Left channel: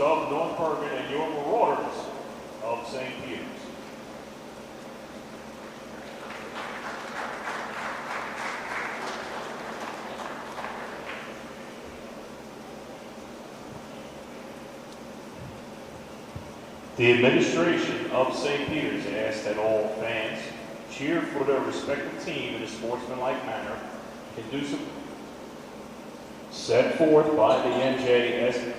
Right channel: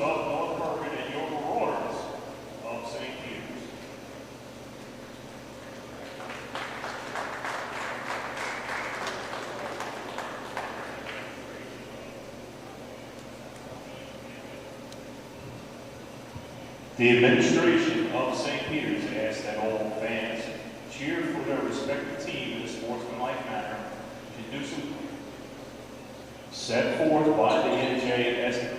of North Bergen and your Marauders of St. Peter's. The administration of St. Peter's asks that all fans cheer for their respective team in a sportsmanlike manner, conducive set forth by the NJS.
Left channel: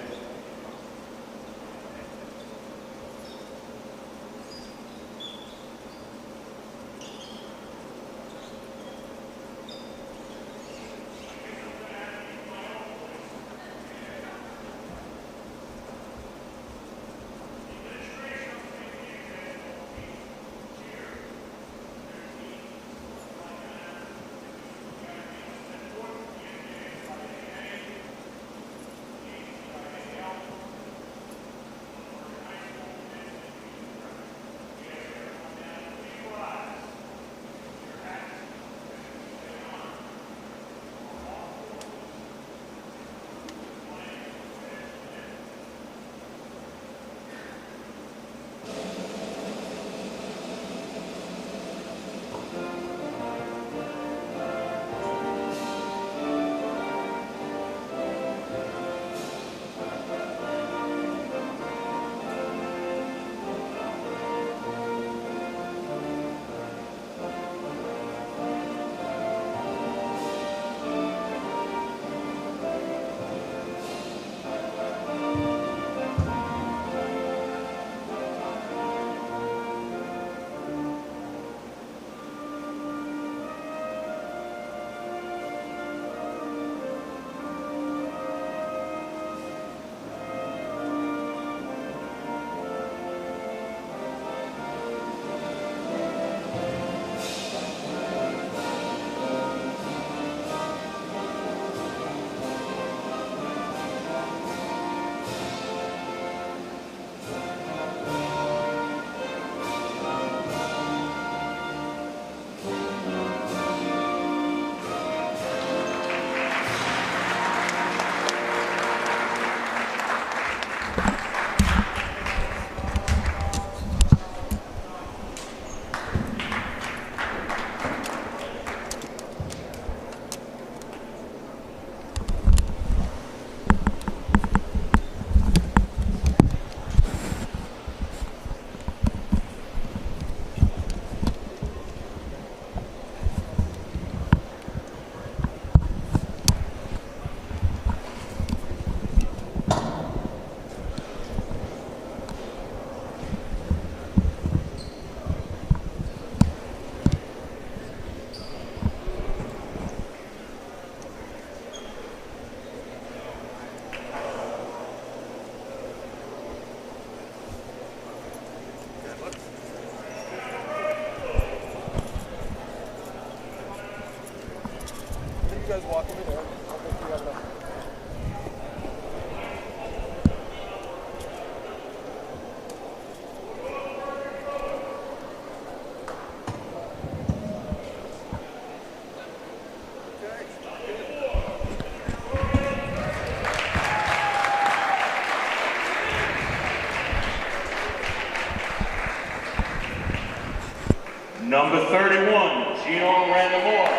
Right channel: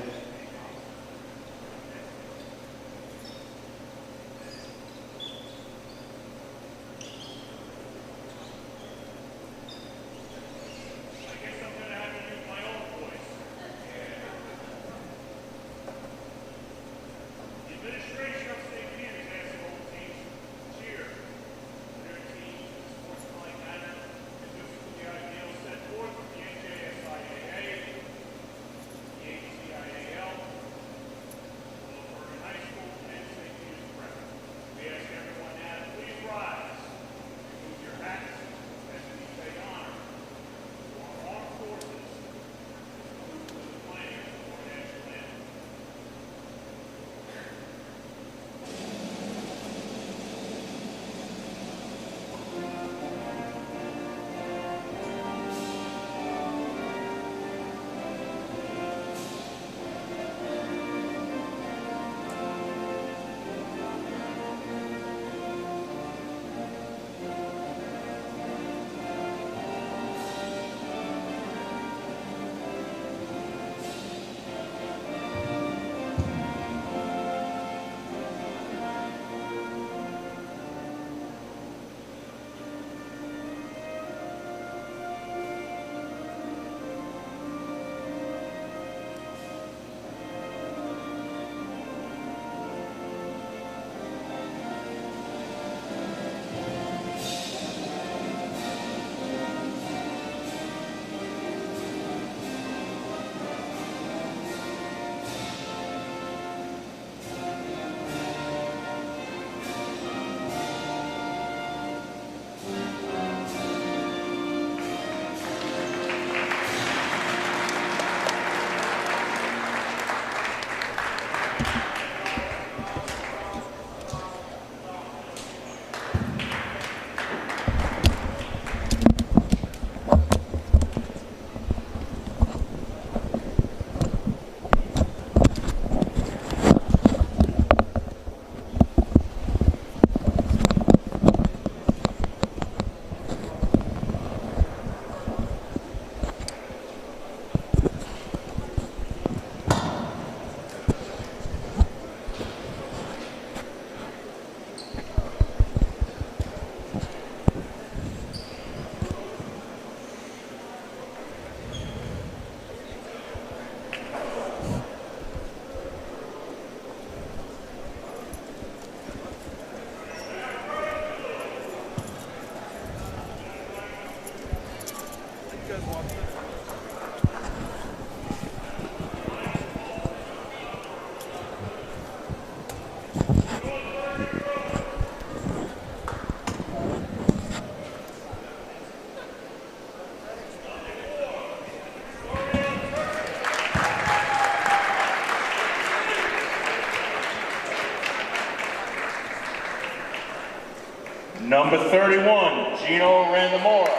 Number 31, Gino Randamora.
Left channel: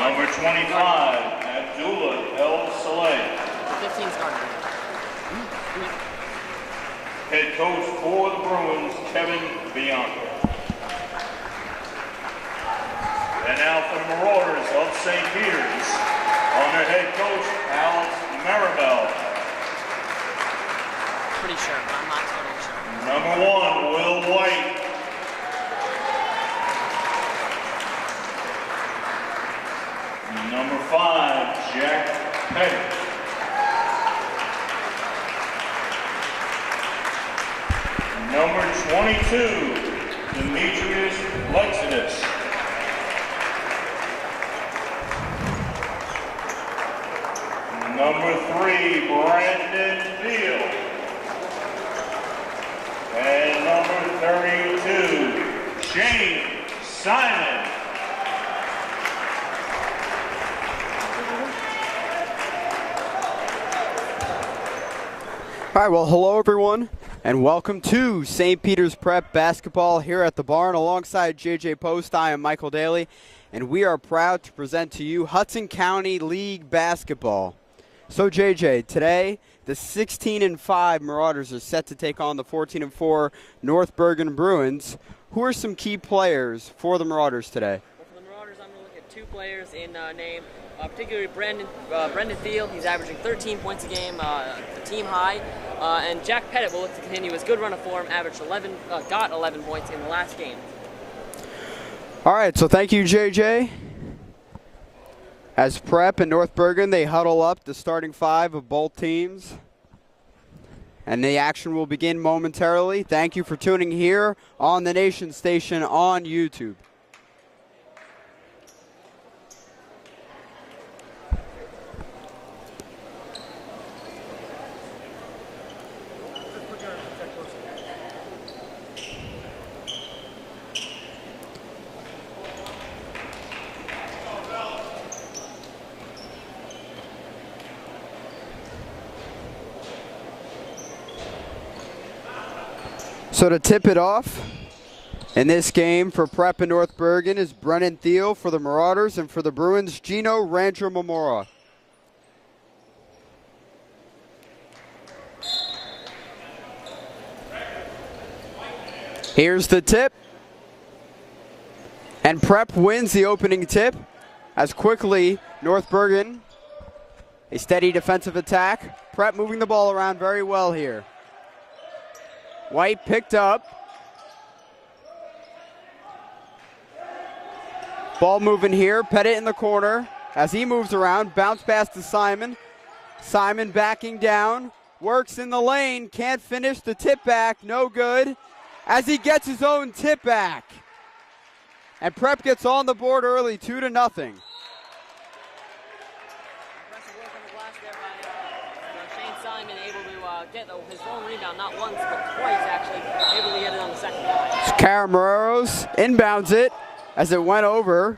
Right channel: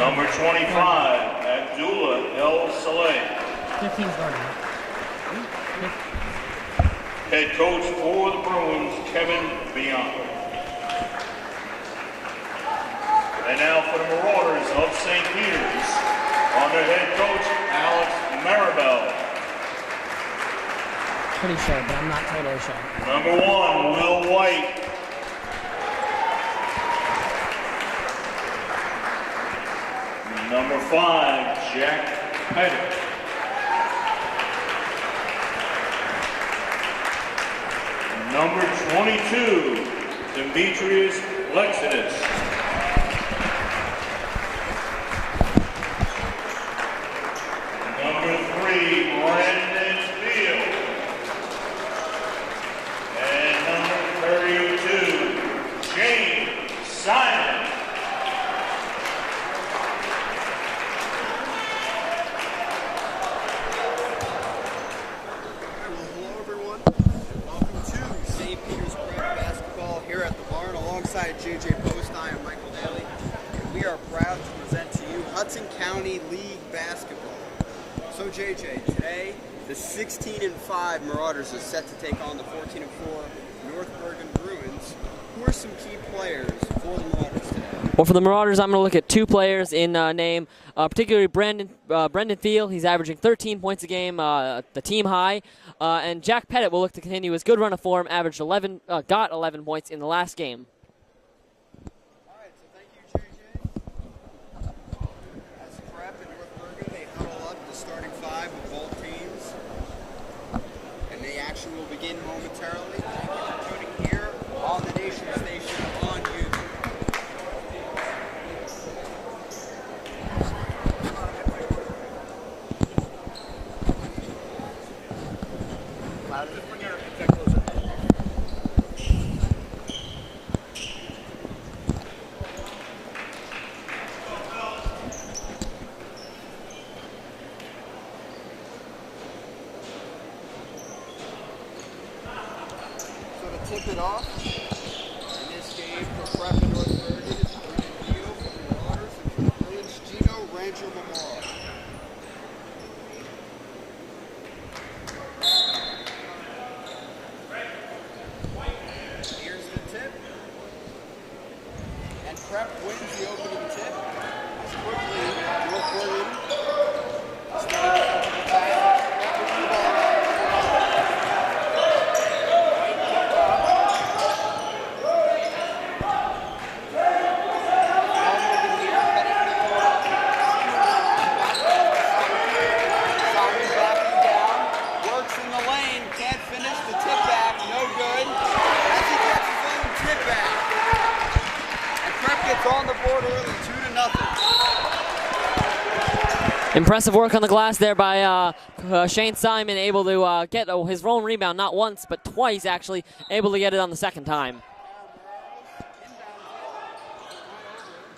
Number 25, Abdullah El Saleh. Head coach for the Bruins, Kevin Bianco. And now for the Marauders of St. Peter's, on their head coach, Alex Maribel. Pretty sure, but I'm not totally sure. Number 1, Will White. Number 5, Jack Pettit. Number 22, Demetrius Lexidus. Number 3, Brandon Field. And number 32, Shane Simon. All right, well, hello everyone, and welcome to St. Peter's Prep Basketball here at the barn. Alongside JJ Post, I am Michael Daly, and we are proud to present to you Hudson County League Basketball. So JJ, today the 16-5 Marauders are set to take on the 14-4 North Bergen Bruins. Who are some key players for the Marauders today? Well, for the Marauders, I'm going to look at two players in name, particularly Brendan Field. He's averaging 13 points a game, the team high. And Jack Pettit will look to continue his good run of form, got 11 points in the last game. All right, so thank you, JJ. As Prep and North Bergen, they huddle up the starting five of both teams. And the action will begin momentarily. Thank you for tuning here on the Nation Station on YouTube. So to tip it off in this game for Prep and North Bergen is Brennan Thiel for the Marauders, and for the Bruins, Gino Rancho Mamora. Here's the tip. And Prep wins the opening tip as quickly North Bergen, a steady defensive attack. Prep moving the ball around very well here. White picked up. Ball moving here. Pettit in the corner. As he moves around, bounce pass to Simon. Simon backing down. Works in the lane. Can't finish the tip back. No good. As he gets his own tip back. And Prep gets on the board early, 2-0. Impressive work on the glass there by Shane Simon, able to get his own rebound, not once, but twice actually, able to get it on the second time. Carameros inbounds it as it went over.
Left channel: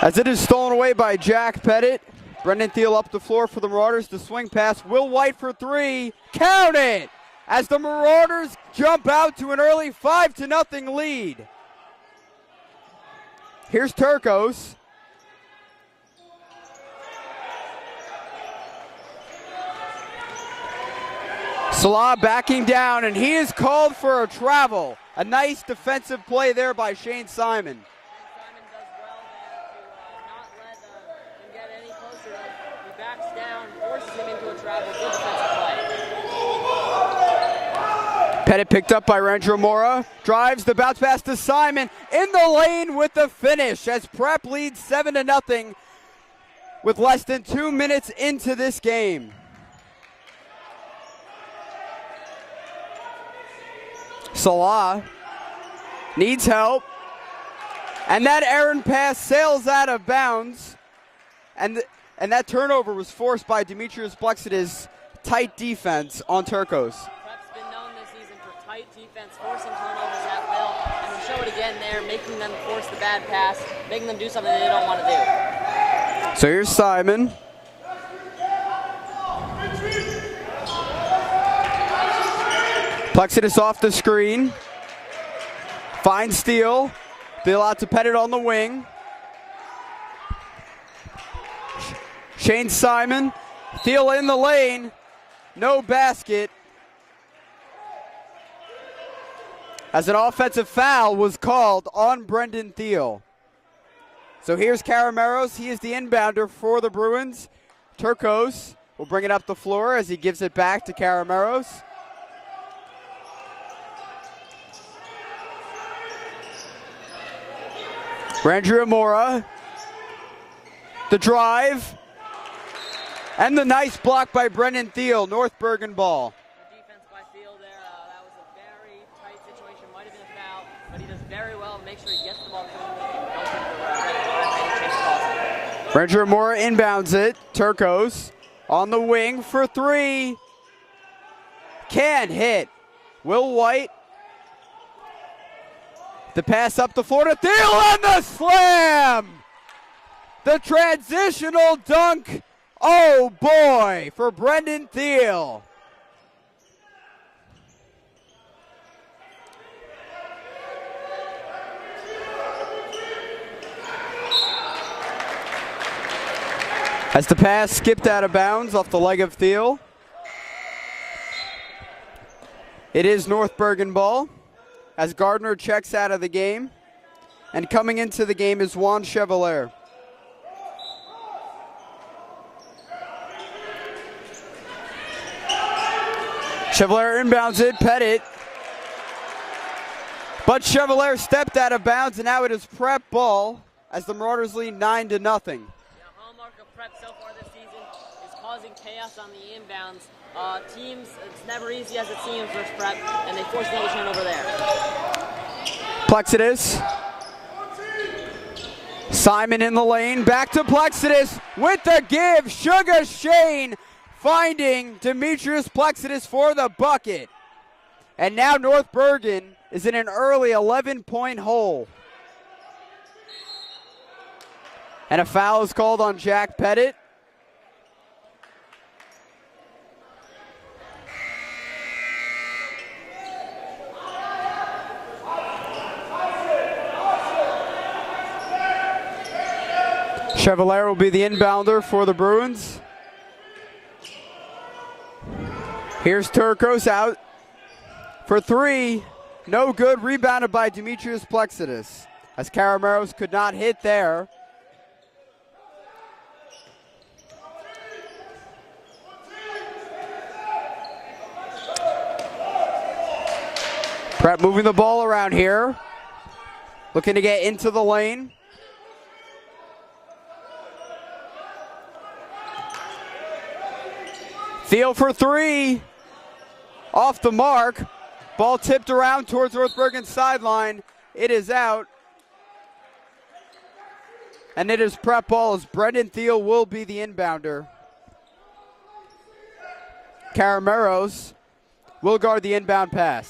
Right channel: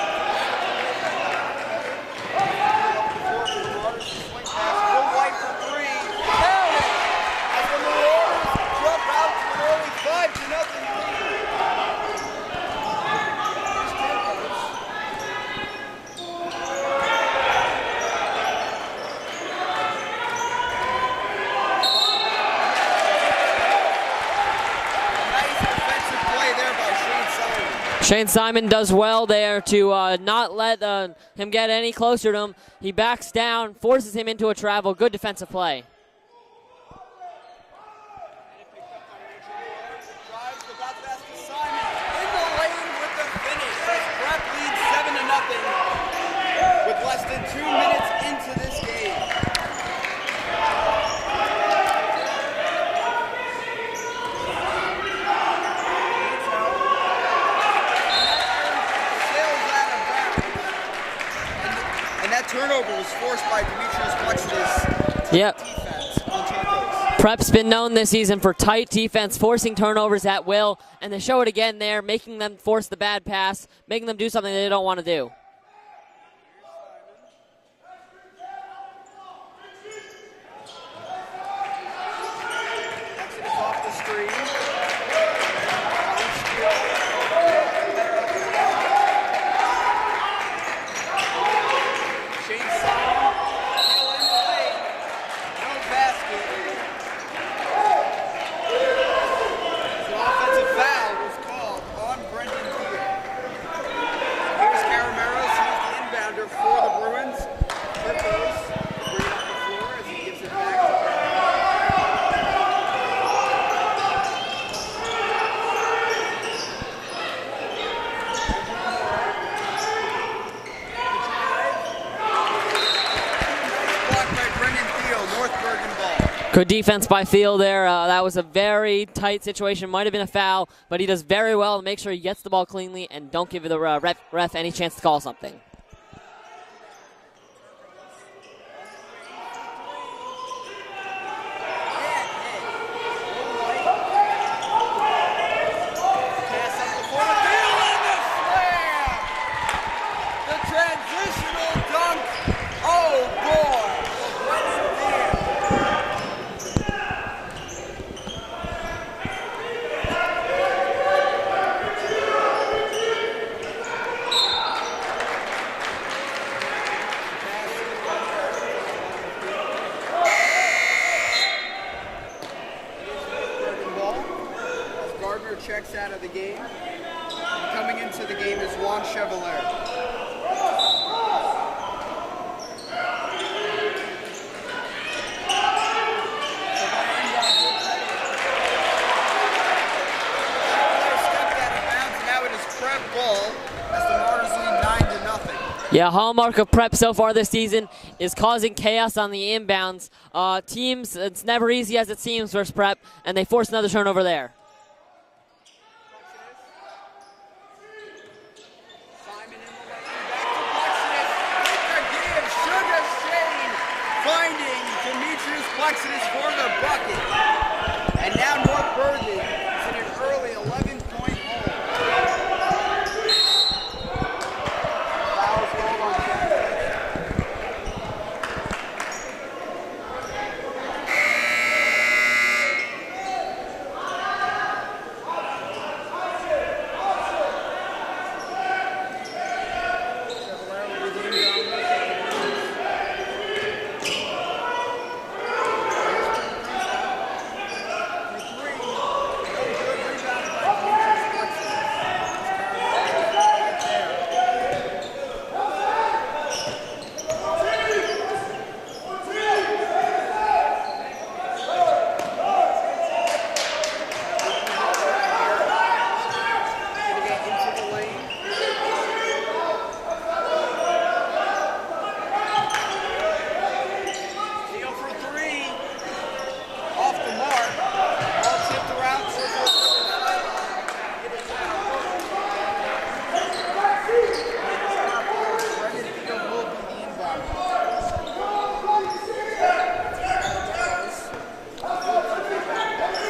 As it is stolen away by Jack Pettit. Brendan Thiel up the floor for the Marauders. The swing pass, Will White for three, counting! As the Marauders jump out to an early 5-0 lead. Here's Turcos. Salah backing down, and he is called for a travel. A nice defensive play there by Shane Simon. Shane Simon does well there to not let him get any closer to him. He backs down, forces him into a travel. Good defensive play. Pettit picked up by Randro Mora. Drives the bounce pass to Simon. In the lane with the finish as Prep leads 7-0 with less than 2 minutes into this game. Salah needs help. And that errant pass sails out of bounds. And that turnover was forced by Demetrius Plexidus' tight defense on Turcos. Prep's been known this season for tight defense, forcing turnovers at will, and they show it again there, making them force the bad pass, making them do something they don't want to do. So here's Simon. Plexidus off the screen. Finds Steele. Steele out to Pettit on the wing. Shane Simon. Steele in the lane. No basket. As an offensive foul was called on Brendan Thiel. So here's Carameros. He is the inbounder for the Bruins. Turcos will bring it up the floor as he gives it back to Carameros. Randrew Mora, the drive, And the nice block by Brendan Thiel, North Bergen ball. Good defense by Thiel there. That was a very tight situation. Might have been a foul, but he does very well to make sure he gets the ball cleanly and don't give the ref any chance to call something. Ranger Moore inbounds it. Turcos on the wing for three. Can't hit. Will White. The pass up the floor to Thiel on the slam! The transitional dunk. Oh boy, for Brendan Thiel. As the pass skipped out of bounds off the leg of Thiel. It is North Bergen ball as Gardner checks out of the game. And coming into the game is Juan Chevalier. Chevalier inbounds it, Pettit. But Chevalier stepped out of bounds, and now it is Prep ball as the Martyrs lead 9-0. Yeah, hallmark of Prep so far this season is causing chaos on the inbounds. Teams, it's never easy as it seems versus Prep, and they force another turnover there. Plexidus. Simon in the lane, back to Plexidus with the give. Sugar Shane finding Demetrius Plexidus for the bucket. And now North Bergen is in an early 11-point hole. And a foul is called on Jack Pettit. Chevalier will be the inbounder for the Bruins. Here's Turcos out for three. No good. Rebounded by Demetrius Plexidus as Carameros could not hit there. Prep moving the ball around here. Looking to get into the lane. Thiel for three. Off the mark. Ball tipped around towards North Bergen's sideline. It is out. And it is Prep ball as Brendan Thiel will be the inbounder. Carameros will guard the inbound pass.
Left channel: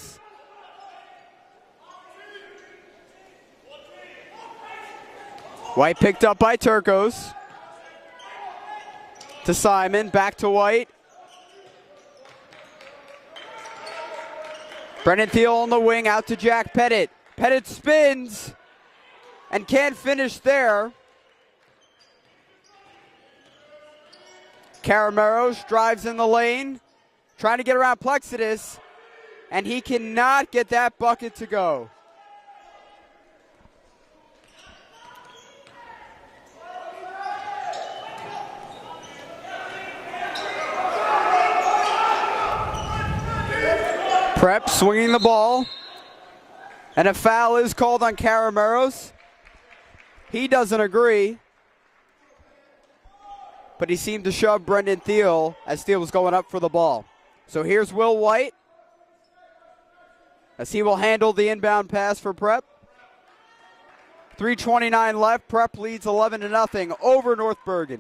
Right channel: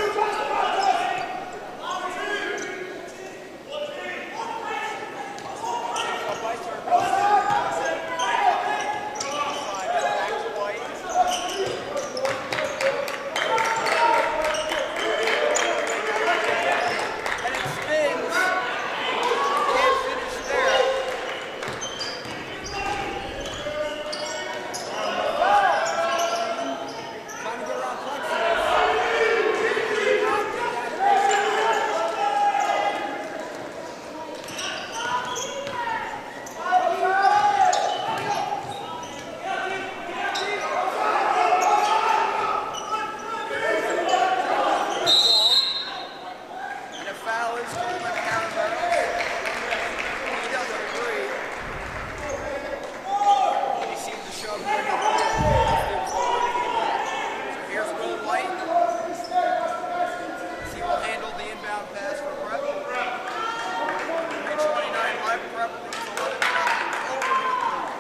White picked up by Turcos. To Simon, back to White. Brendan Thiel on the wing, out to Jack Pettit. Pettit spins and can't finish there. Carameros drives in the lane, trying to get around Plexidus, and he cannot get that bucket to go. Prep swinging the ball, and a foul is called on Carameros. He doesn't agree, but he seemed to shove Brendan Thiel as Thiel was going up for the ball. So here's Will White as he will handle the inbound pass for Prep. 3:29 left. Prep leads 11-0 over North Bergen.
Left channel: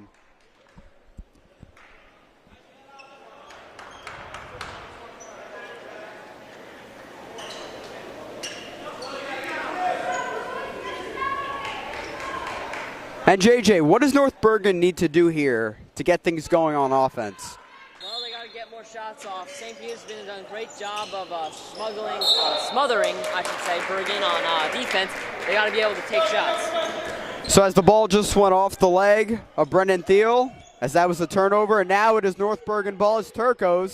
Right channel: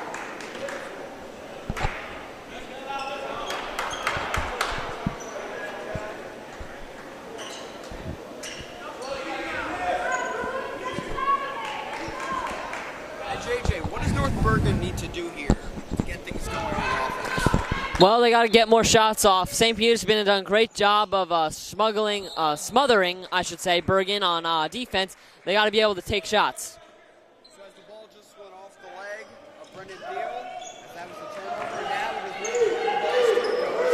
And JJ, what does North Bergen need to do here to get things going on offense? Well, they got to get more shots off. St. Peter's has done a great job of smothering, I should say, Bergen on defense. They got to be able to take shots. So as the ball just went off the leg of Brendan Thiel, as that was a turnover, and now it is North Bergen ball as Turcos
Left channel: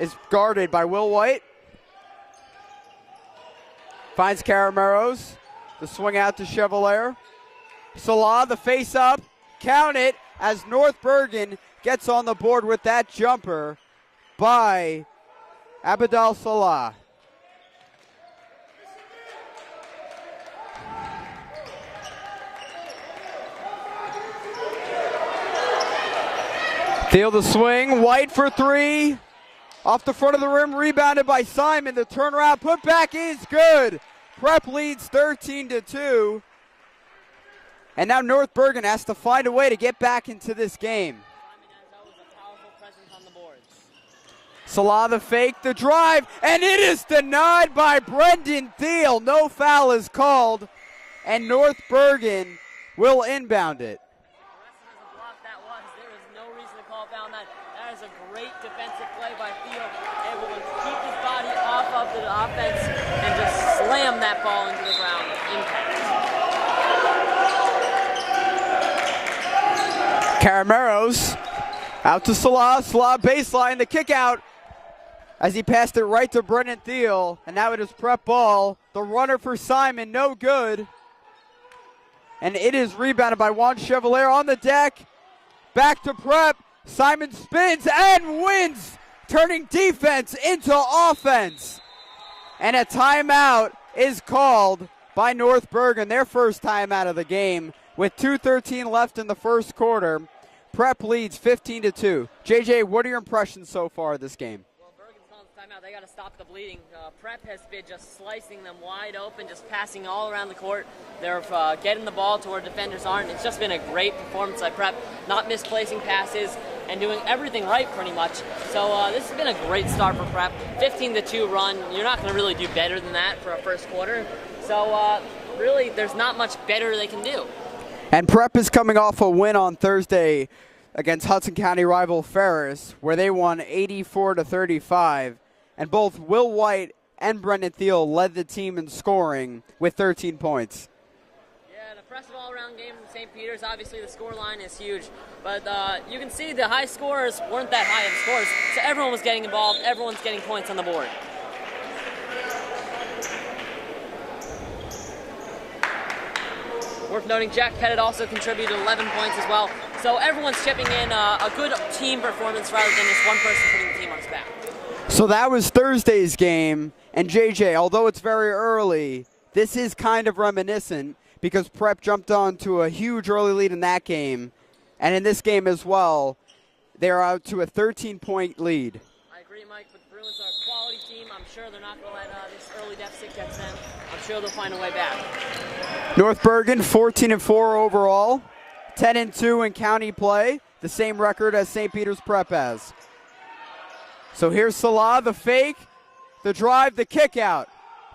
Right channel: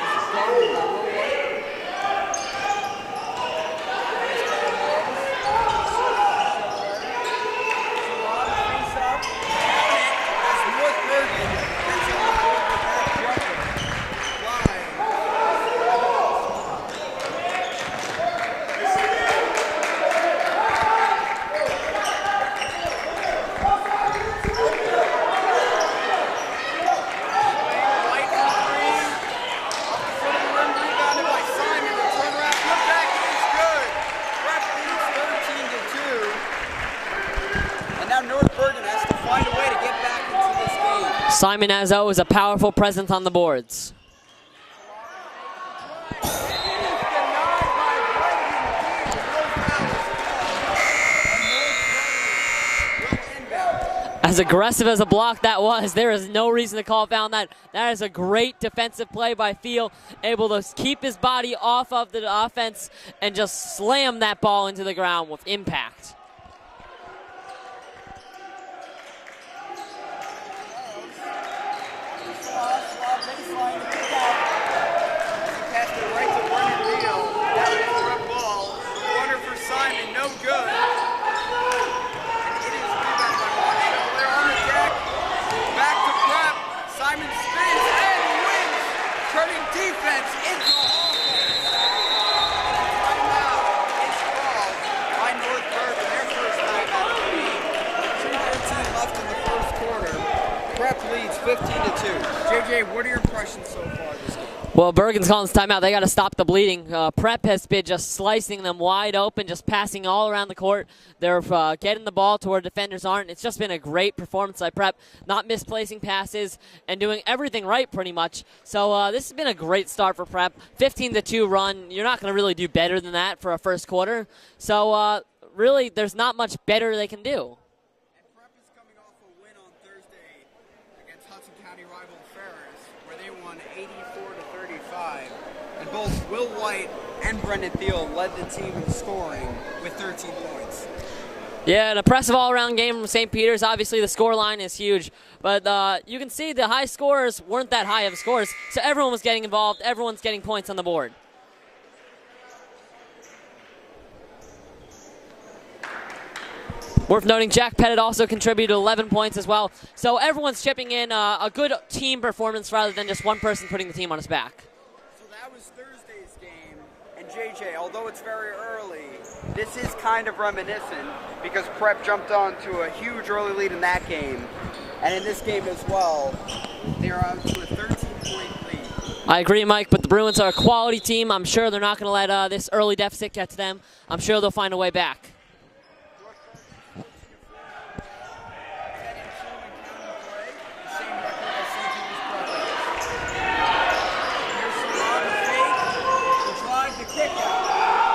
is guarded by Will White. Finds Carameros. The swing out to Chevalier. Salah, the face up, count it as North Bergen gets on the board with that jumper by Abidal Salah. Field the swing, White for three. Off the front of the rim, rebounded by Simon. The turnaround, put back is good. Prep leads 13-2. And now North Bergen has to find a way to get back into this game. Simon, as always, a powerful presence on the boards. Salah the fake, the drive, and it is denied by Brendan Thiel. No foul is called, and North Bergen will inbound it. As aggressive as a block that was, there is no reason to call a foul on that. That is a great defensive play by Thiel, able to keep his body off of the offense and just slam that ball into the ground with impact. Carameros out to Salah, Salah baseline, the kick out as he passed it right to Brendan Thiel. Now it is prep ball, the runner for Simon, no good. And it is rebounded by Juan Chevalier on the deck. Back to prep. Simon spins and wins, turning defense into offense. And a timeout is called by North Bergen, their first timeout of the game. With 2:13 left in the first quarter, Prep leads 15-2. JJ, what are your impressions so far of this game? Well, Bergen's calling this timeout. They got to stop the bleeding. Prep has been just slicing them wide open, just passing all around the court. They're getting the ball to where defenders aren't. It's just been a great performance by Prep, not misplacing passes and doing everything right pretty much. So this has been a great start for Prep. 15-2 run. You're not going to really do better than that for a first quarter. So really, there's not much better they can do. And Prep is coming off a win on Thursday against Hudson County rival Ferris, where they won 84-35. And both Will White and Brendan Thiel led the team in scoring with 13 points. Yeah, an impressive all-around game from St. Peter's. Obviously, the score line is huge. But you can see the high scorers weren't that high of scores, so everyone was getting involved. Everyone's getting points on the board. Worth noting, Jack Pettit also contributed 11 points as well. So everyone's chipping in a good team performance rather than just one person putting the team on his back. So that was Thursday's game. And JJ, although it's very early, this is kind of reminiscent because Prep jumped on to a huge early lead in that game. And in this game as well, they're out to a 13-point lead. I agree, Mike, but the Bruins are a quality team. I'm sure they're not going to let this early deficit get to them. I'm sure they'll find a way back. North Bergen, 14-4 overall, 10-2 in county play, the same record as St. Peter's Prep has. So here's Salah, the fake, the drive, the kick out.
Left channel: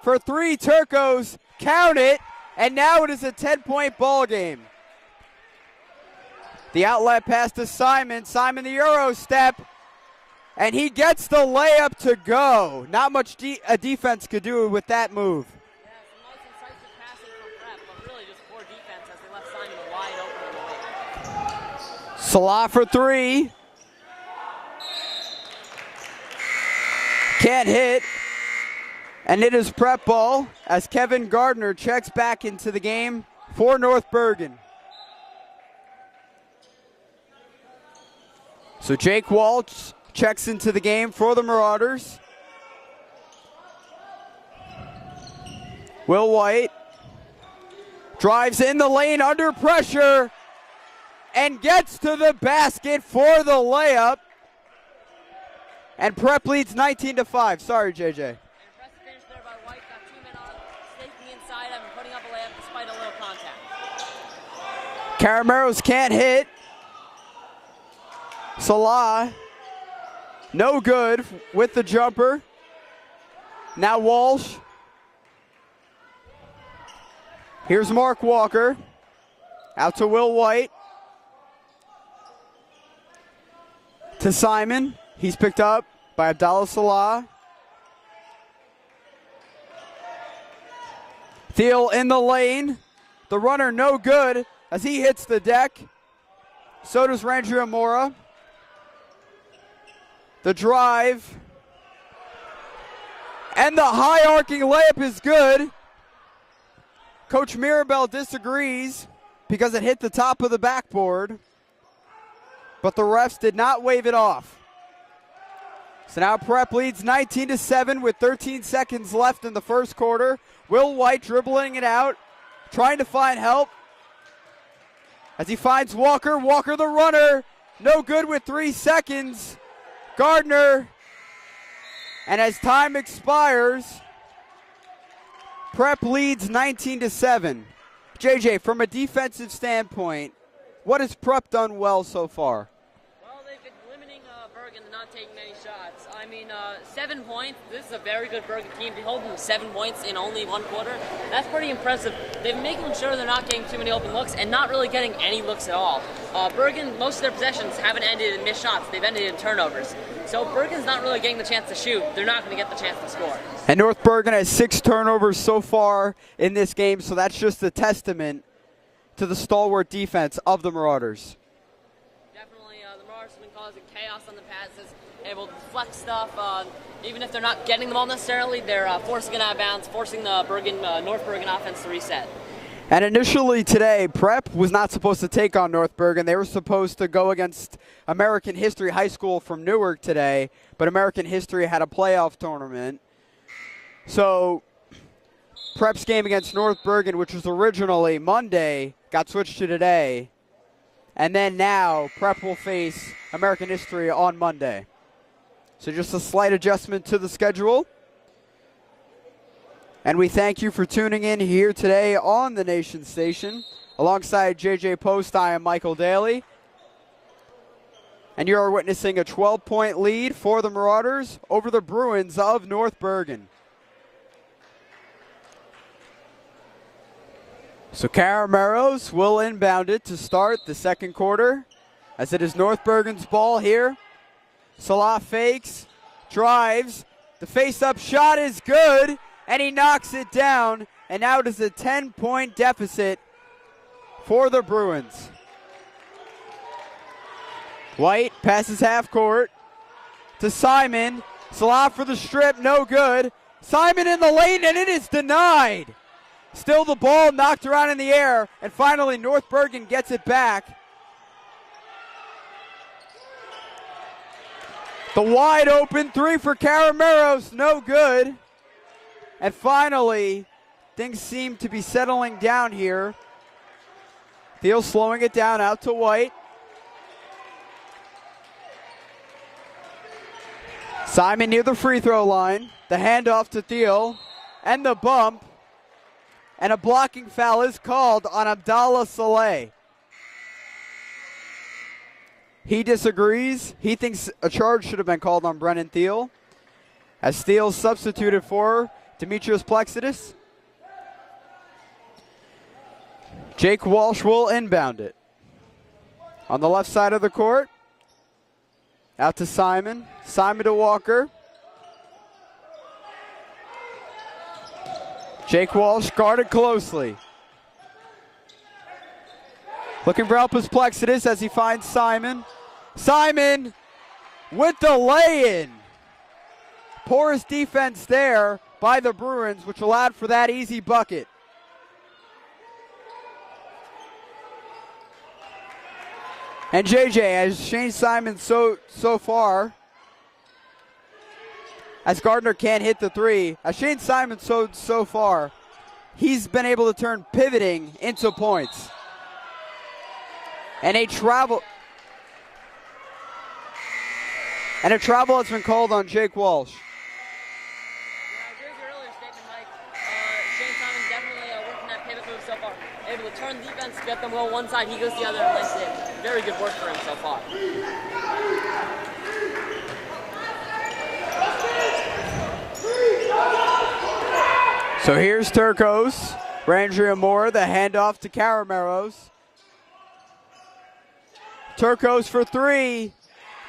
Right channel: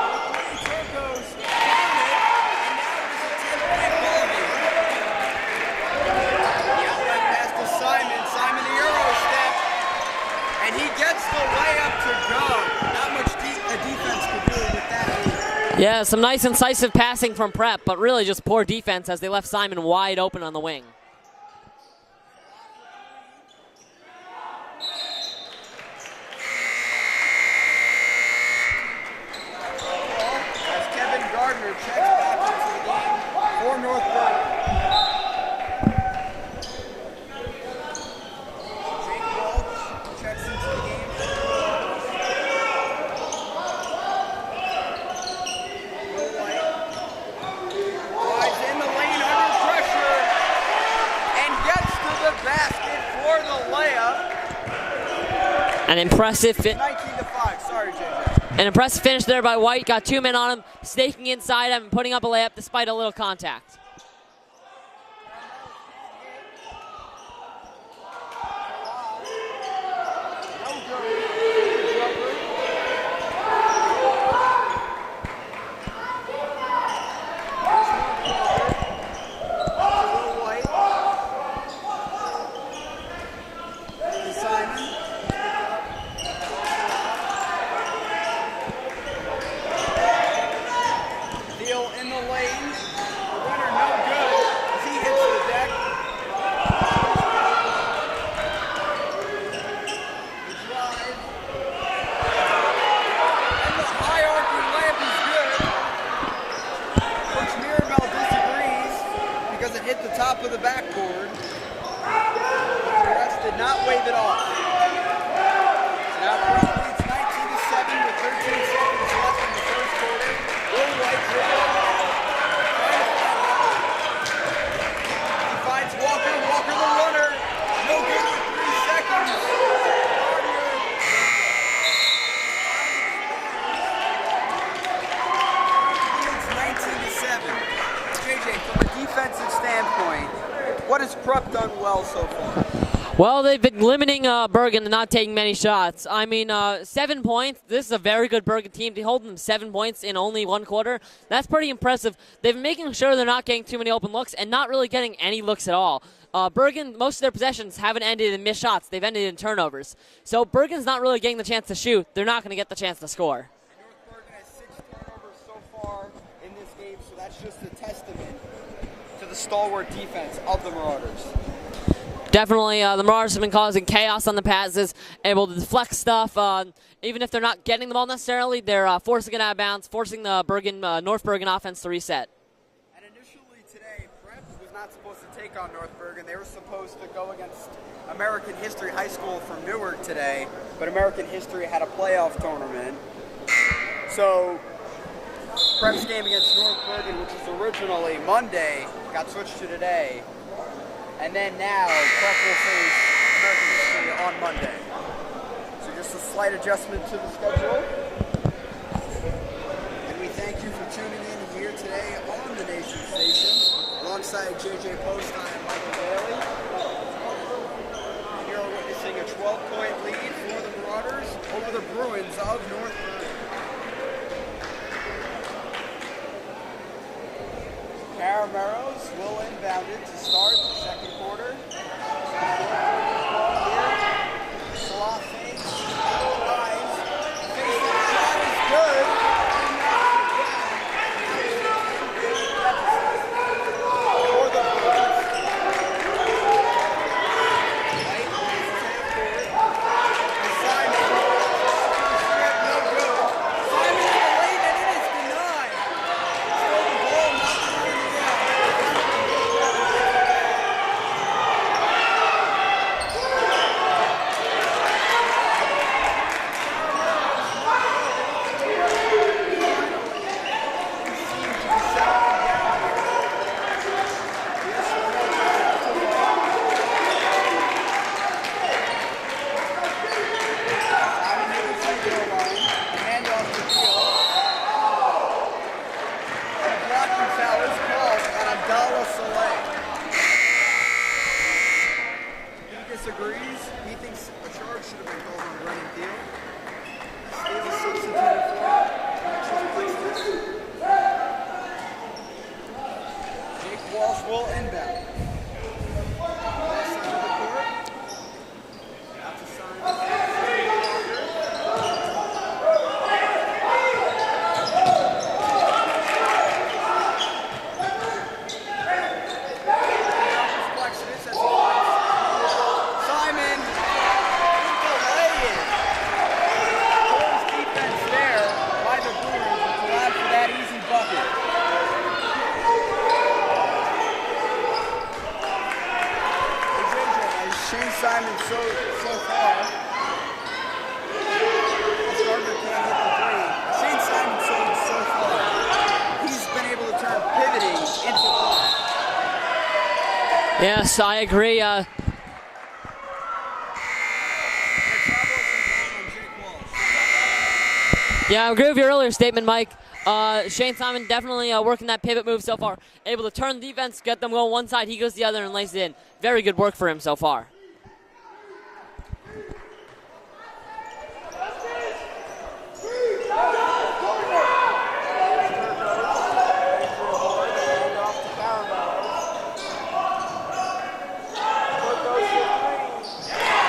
For three, Turcos, count it, and now it is a 10-point ball game. The outlet pass to Simon, Simon the Euro step, and he gets the layup to go. Not much a defense could do with that move. Yeah, some nice incisive passing from Prep, but really just poor defense as they left Simon wide open on the wing. Salah for three. Can't hit. And it is Prep ball as Kevin Gardner checks back into the game for North Bergen. So Jake Walsh checks into the game for the Marauders. Will White drives in the lane under pressure and gets to the basket for the layup. And Prep leads 19-5. Sorry, JJ. An impressive finish there by White. Got 2 men on him, staking inside him, and putting up a layup despite a little contact. Carameros can't hit. Salah, no good with the jumper. Now Walsh. Here's Mark Walker, out to Will White, to Simon. He's picked up by Abdallah Salah. Thiel in the lane. The runner no good as he hits the deck. So does Ranger Amora. The drive. And the high arcing layup is good. Coach Mirabel disagrees because it hit the top of the backboard, but the refs did not wave it off. So now Prep leads 19-7 with 13 seconds left in the first quarter. Will White dribbling it out, trying to find help. As he finds Walker, Walker the runner, no good with 3 seconds. Gardner, and as time expires, Prep leads 19-7. JJ, from a defensive standpoint, what has Prep done well so far? Well, they've been limiting Bergen and not taking many shots. I mean, 7 points. This is a very good Bergen team. To hold them 7 points in only 1 quarter, that's pretty impressive. They've been making sure they're not getting too many open looks and not really getting any looks at all. Bergen, most of their possessions haven't ended in missed shots. They've ended in turnovers. So Bergen's not really getting the chance to shoot. They're not going to get the chance to score. And North Bergen has 6 turnovers so far in this game, so that's just a testament to the stalwart defense of the Marauders. Definitely, the Marauders have been causing chaos on the passes, able to deflect stuff. Even if they're not getting the ball necessarily, they're forcing it out of bounds, forcing the North Bergen offense to reset. And initially today, Prep was not supposed to take on North Bergen. They were supposed to go against American History High School from Newark today, but American History had a playoff tournament. So Prep's game against North Bergen, which was originally Monday, got switched to today. And then now Prep will face American History on Monday. So just a slight adjustment to the schedule. And we thank you for tuning in here today on the Nation Station. Alongside JJ Post, I am Michael Daly. And you are witnessing a 12-point lead for the Marauders over the Bruins of North Bergen. So Carameros will inbound it to start the second quarter, as it is North Bergen's ball here. Salah fakes, drives, the face-up shot is good, and he knocks it down, and now it is a 10-point deficit for the Bruins. White passes half court to Simon. Salah for the strip, no good. Simon in the lane, and it is denied. Still the ball knocked around in the air, and finally North Bergen gets it back. The wide open 3 for Carameros, no good. And finally, things seem to be settling down here. Thiel slowing it down out to White. Simon near the free throw line. The handoff to Thiel, and the bump. And a blocking foul is called on Abdallah Saleh. He disagrees. He thinks a charge should have been called on Brennan Thiel, as Thiel substituted for Demetrius Plexidis. Jake Walsh will inbound it. On the left side of the court, out to Simon. Simon to Walker. Jake Walsh guarded closely. Looking for help is Plexidis as he finds Simon. Simon with the lay-in. Porous defense there by the Bruins, which allowed for that easy bucket. And JJ, as Shane Simon so far, as Gardner can't hit the 3, as Shane Simon so far, he's been able to turn pivoting into points. Yes, I agree. And a travel has been called on Jake Walsh. Yeah, I agree with your earlier statement, Mike. Shane Simon definitely working that pivot move so far. Able to turn the defense, get them going one side, he goes the other and lays it in. Very good work for him so far. So here's Turcos. Brandria Moore, the handoff to Carameros. Turcos for 3,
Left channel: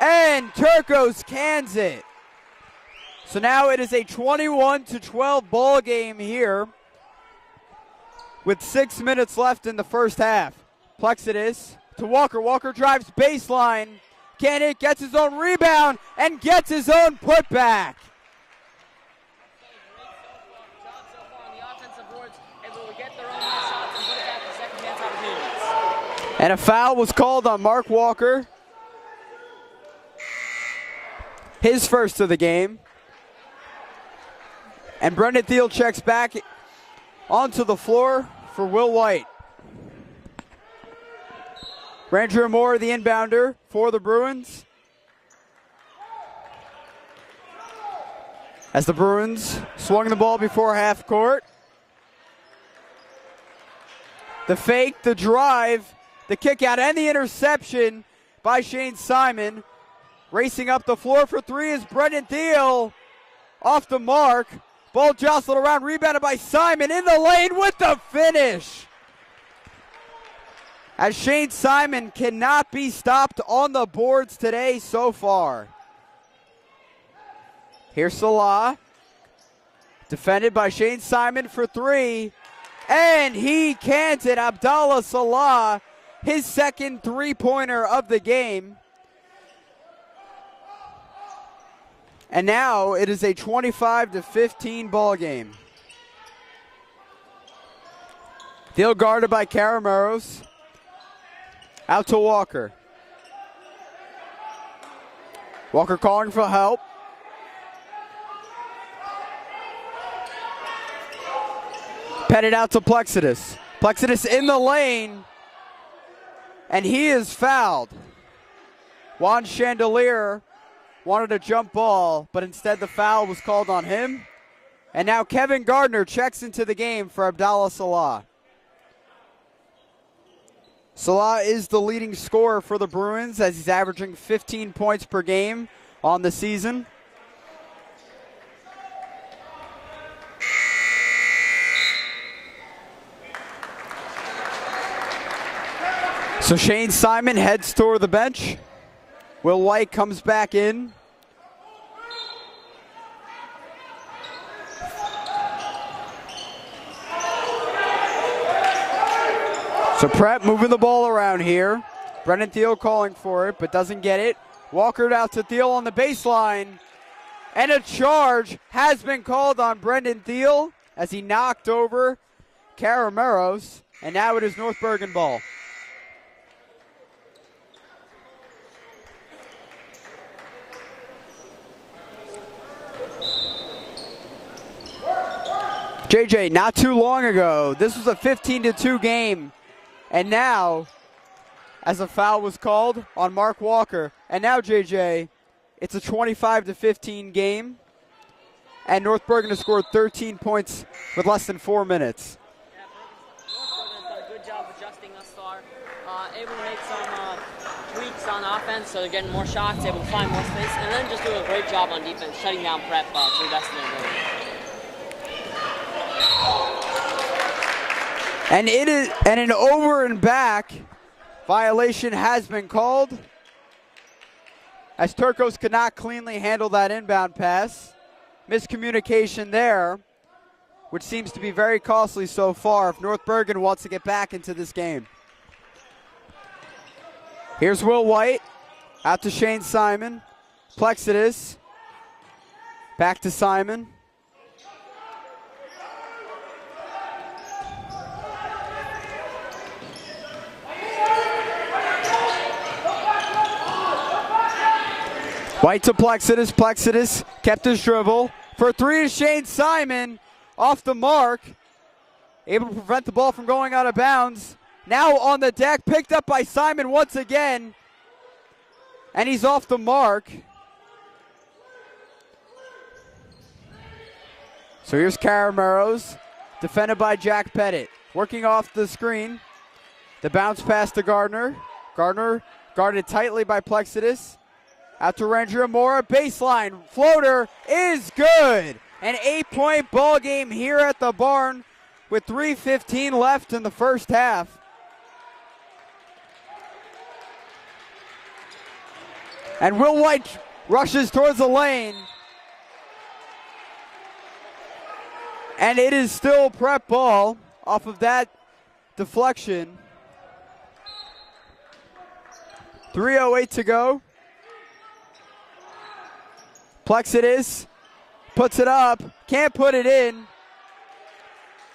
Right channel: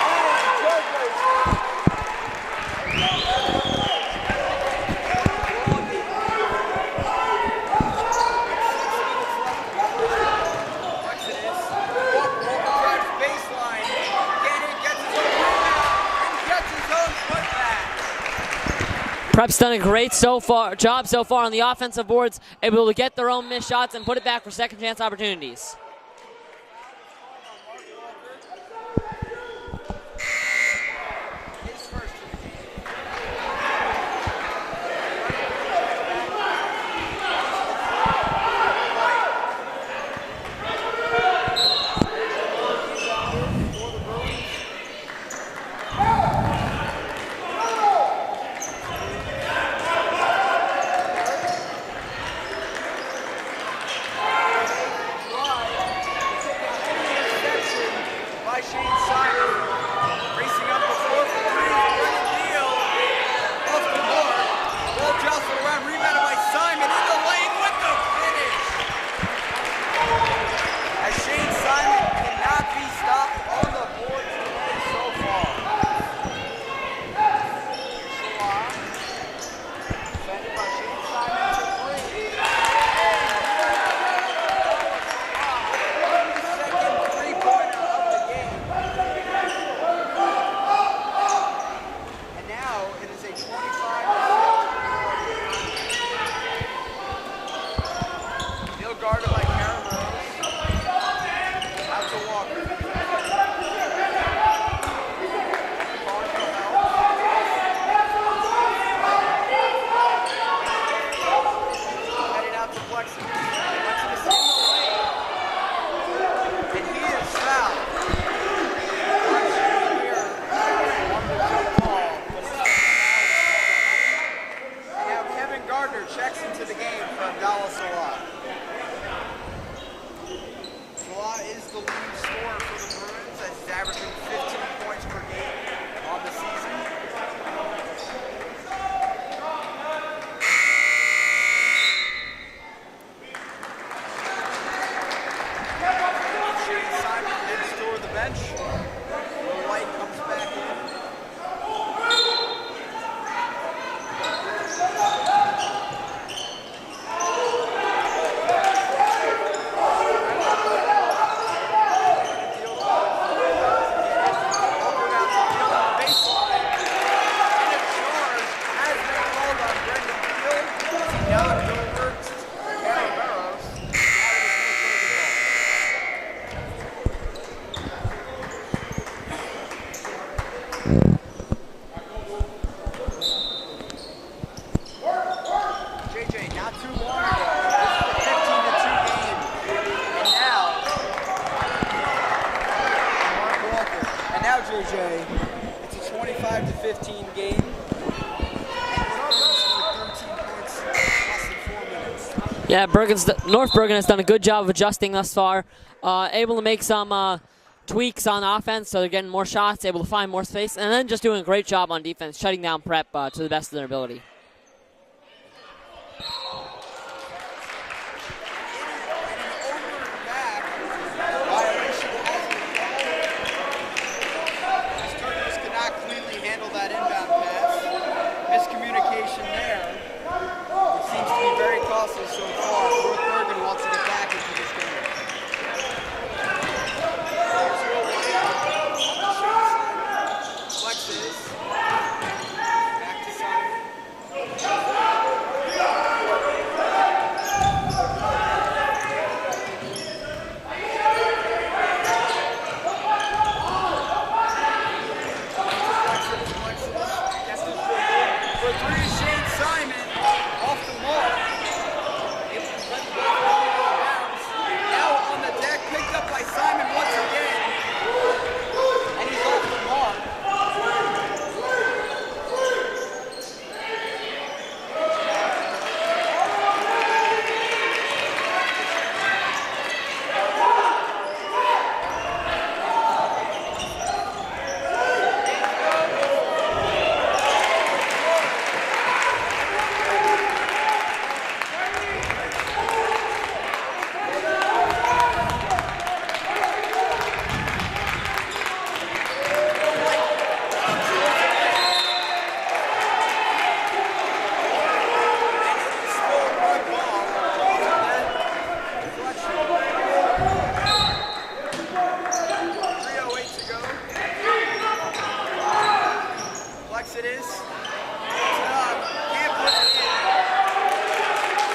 and Turcos cans it. So now it is a 21-12 ball game here with 6 minutes left in the first half. Plexidis to Walker. Walker drives baseline. Can't hit, gets his own rebound, and gets his own putback. Prep's done a great job so far on the offensive boards, able to get their own missed shots and put it back for second chance opportunities. And a foul was called on Mark Walker. His first of the game. And Brendan Thiel checks back onto the floor for Will White. Ranger Moore, the inbounder for the Bruins. As the Bruins swung the ball before half court. The fake, the drive, the kick out, and the interception by Shane Simon. Racing up the floor for three is Brendan Thiel. Off the mark. Ball jostled around, rebounded by Simon in the lane with the finish. As Shane Simon cannot be stopped on the boards today so far. Here's Salah. Defended by Shane Simon for three. And he can't it. Abdallah Salah, his second three-pointer of the game. And now it is a 25-15 ball game. Thiel guarded by Carameros. Out to Walker. Walker calling for help. Petted out to Plexidus. Plexidus in the lane. And he is fouled. Juan Chandelier wanted a jump ball, but instead the foul was called on him. And now Kevin Gardner checks into the game for Abdallah Salah. Salah is the leading scorer for the Bruins as he's averaging 15 points per game on the season. So Shane Simon heads toward the bench. Will White comes back in. So Prep moving the ball around here. Brendan Thiel calling for it, but doesn't get it. Walker out to Thiel on the baseline. And a charge has been called on Brendan Thiel as he knocked over Carameros. And now it is North Bergen ball. JJ, not too long ago, this was a 15-2 game. And now, as a foul was called on Mark Walker. And now, JJ, it's a 25-15 game. And North Bergen has scored 13 points with less than 4 minutes. Yeah, North Bergen has done a good job of adjusting thus far. Able to make some tweaks on offense, so they're getting more shots, able to find more space, and then just doing a great job on defense, shutting down Prep to the best of their ability. And an over and back violation has been called as Turcos could not cleanly handle that inbound pass. Miscommunication there, which seems to be very costly so far if North Bergen wants to get back into this game. Here's Will White, out to Shane Simon. Plexidus, back to Simon. White to Plexidus. Plexidus kept his dribble. For three is Shane Simon. Off the mark. Able to prevent the ball from going out of bounds. Now on the deck. Picked up by Simon once again. And he's off the mark. So here's Carameros. Defended by Jack Pettit. Working off the screen. The bounce pass to Gardner. Gardner guarded tightly by Plexidus. Out to Ranger Moore, baseline, floater is good. An 8-point ball game here at the barn with 3:15 left in the first half. And Will White rushes towards the lane. And it is still Prep ball off of that deflection. 3:08 to go. Plexidus puts it up, can't put it in,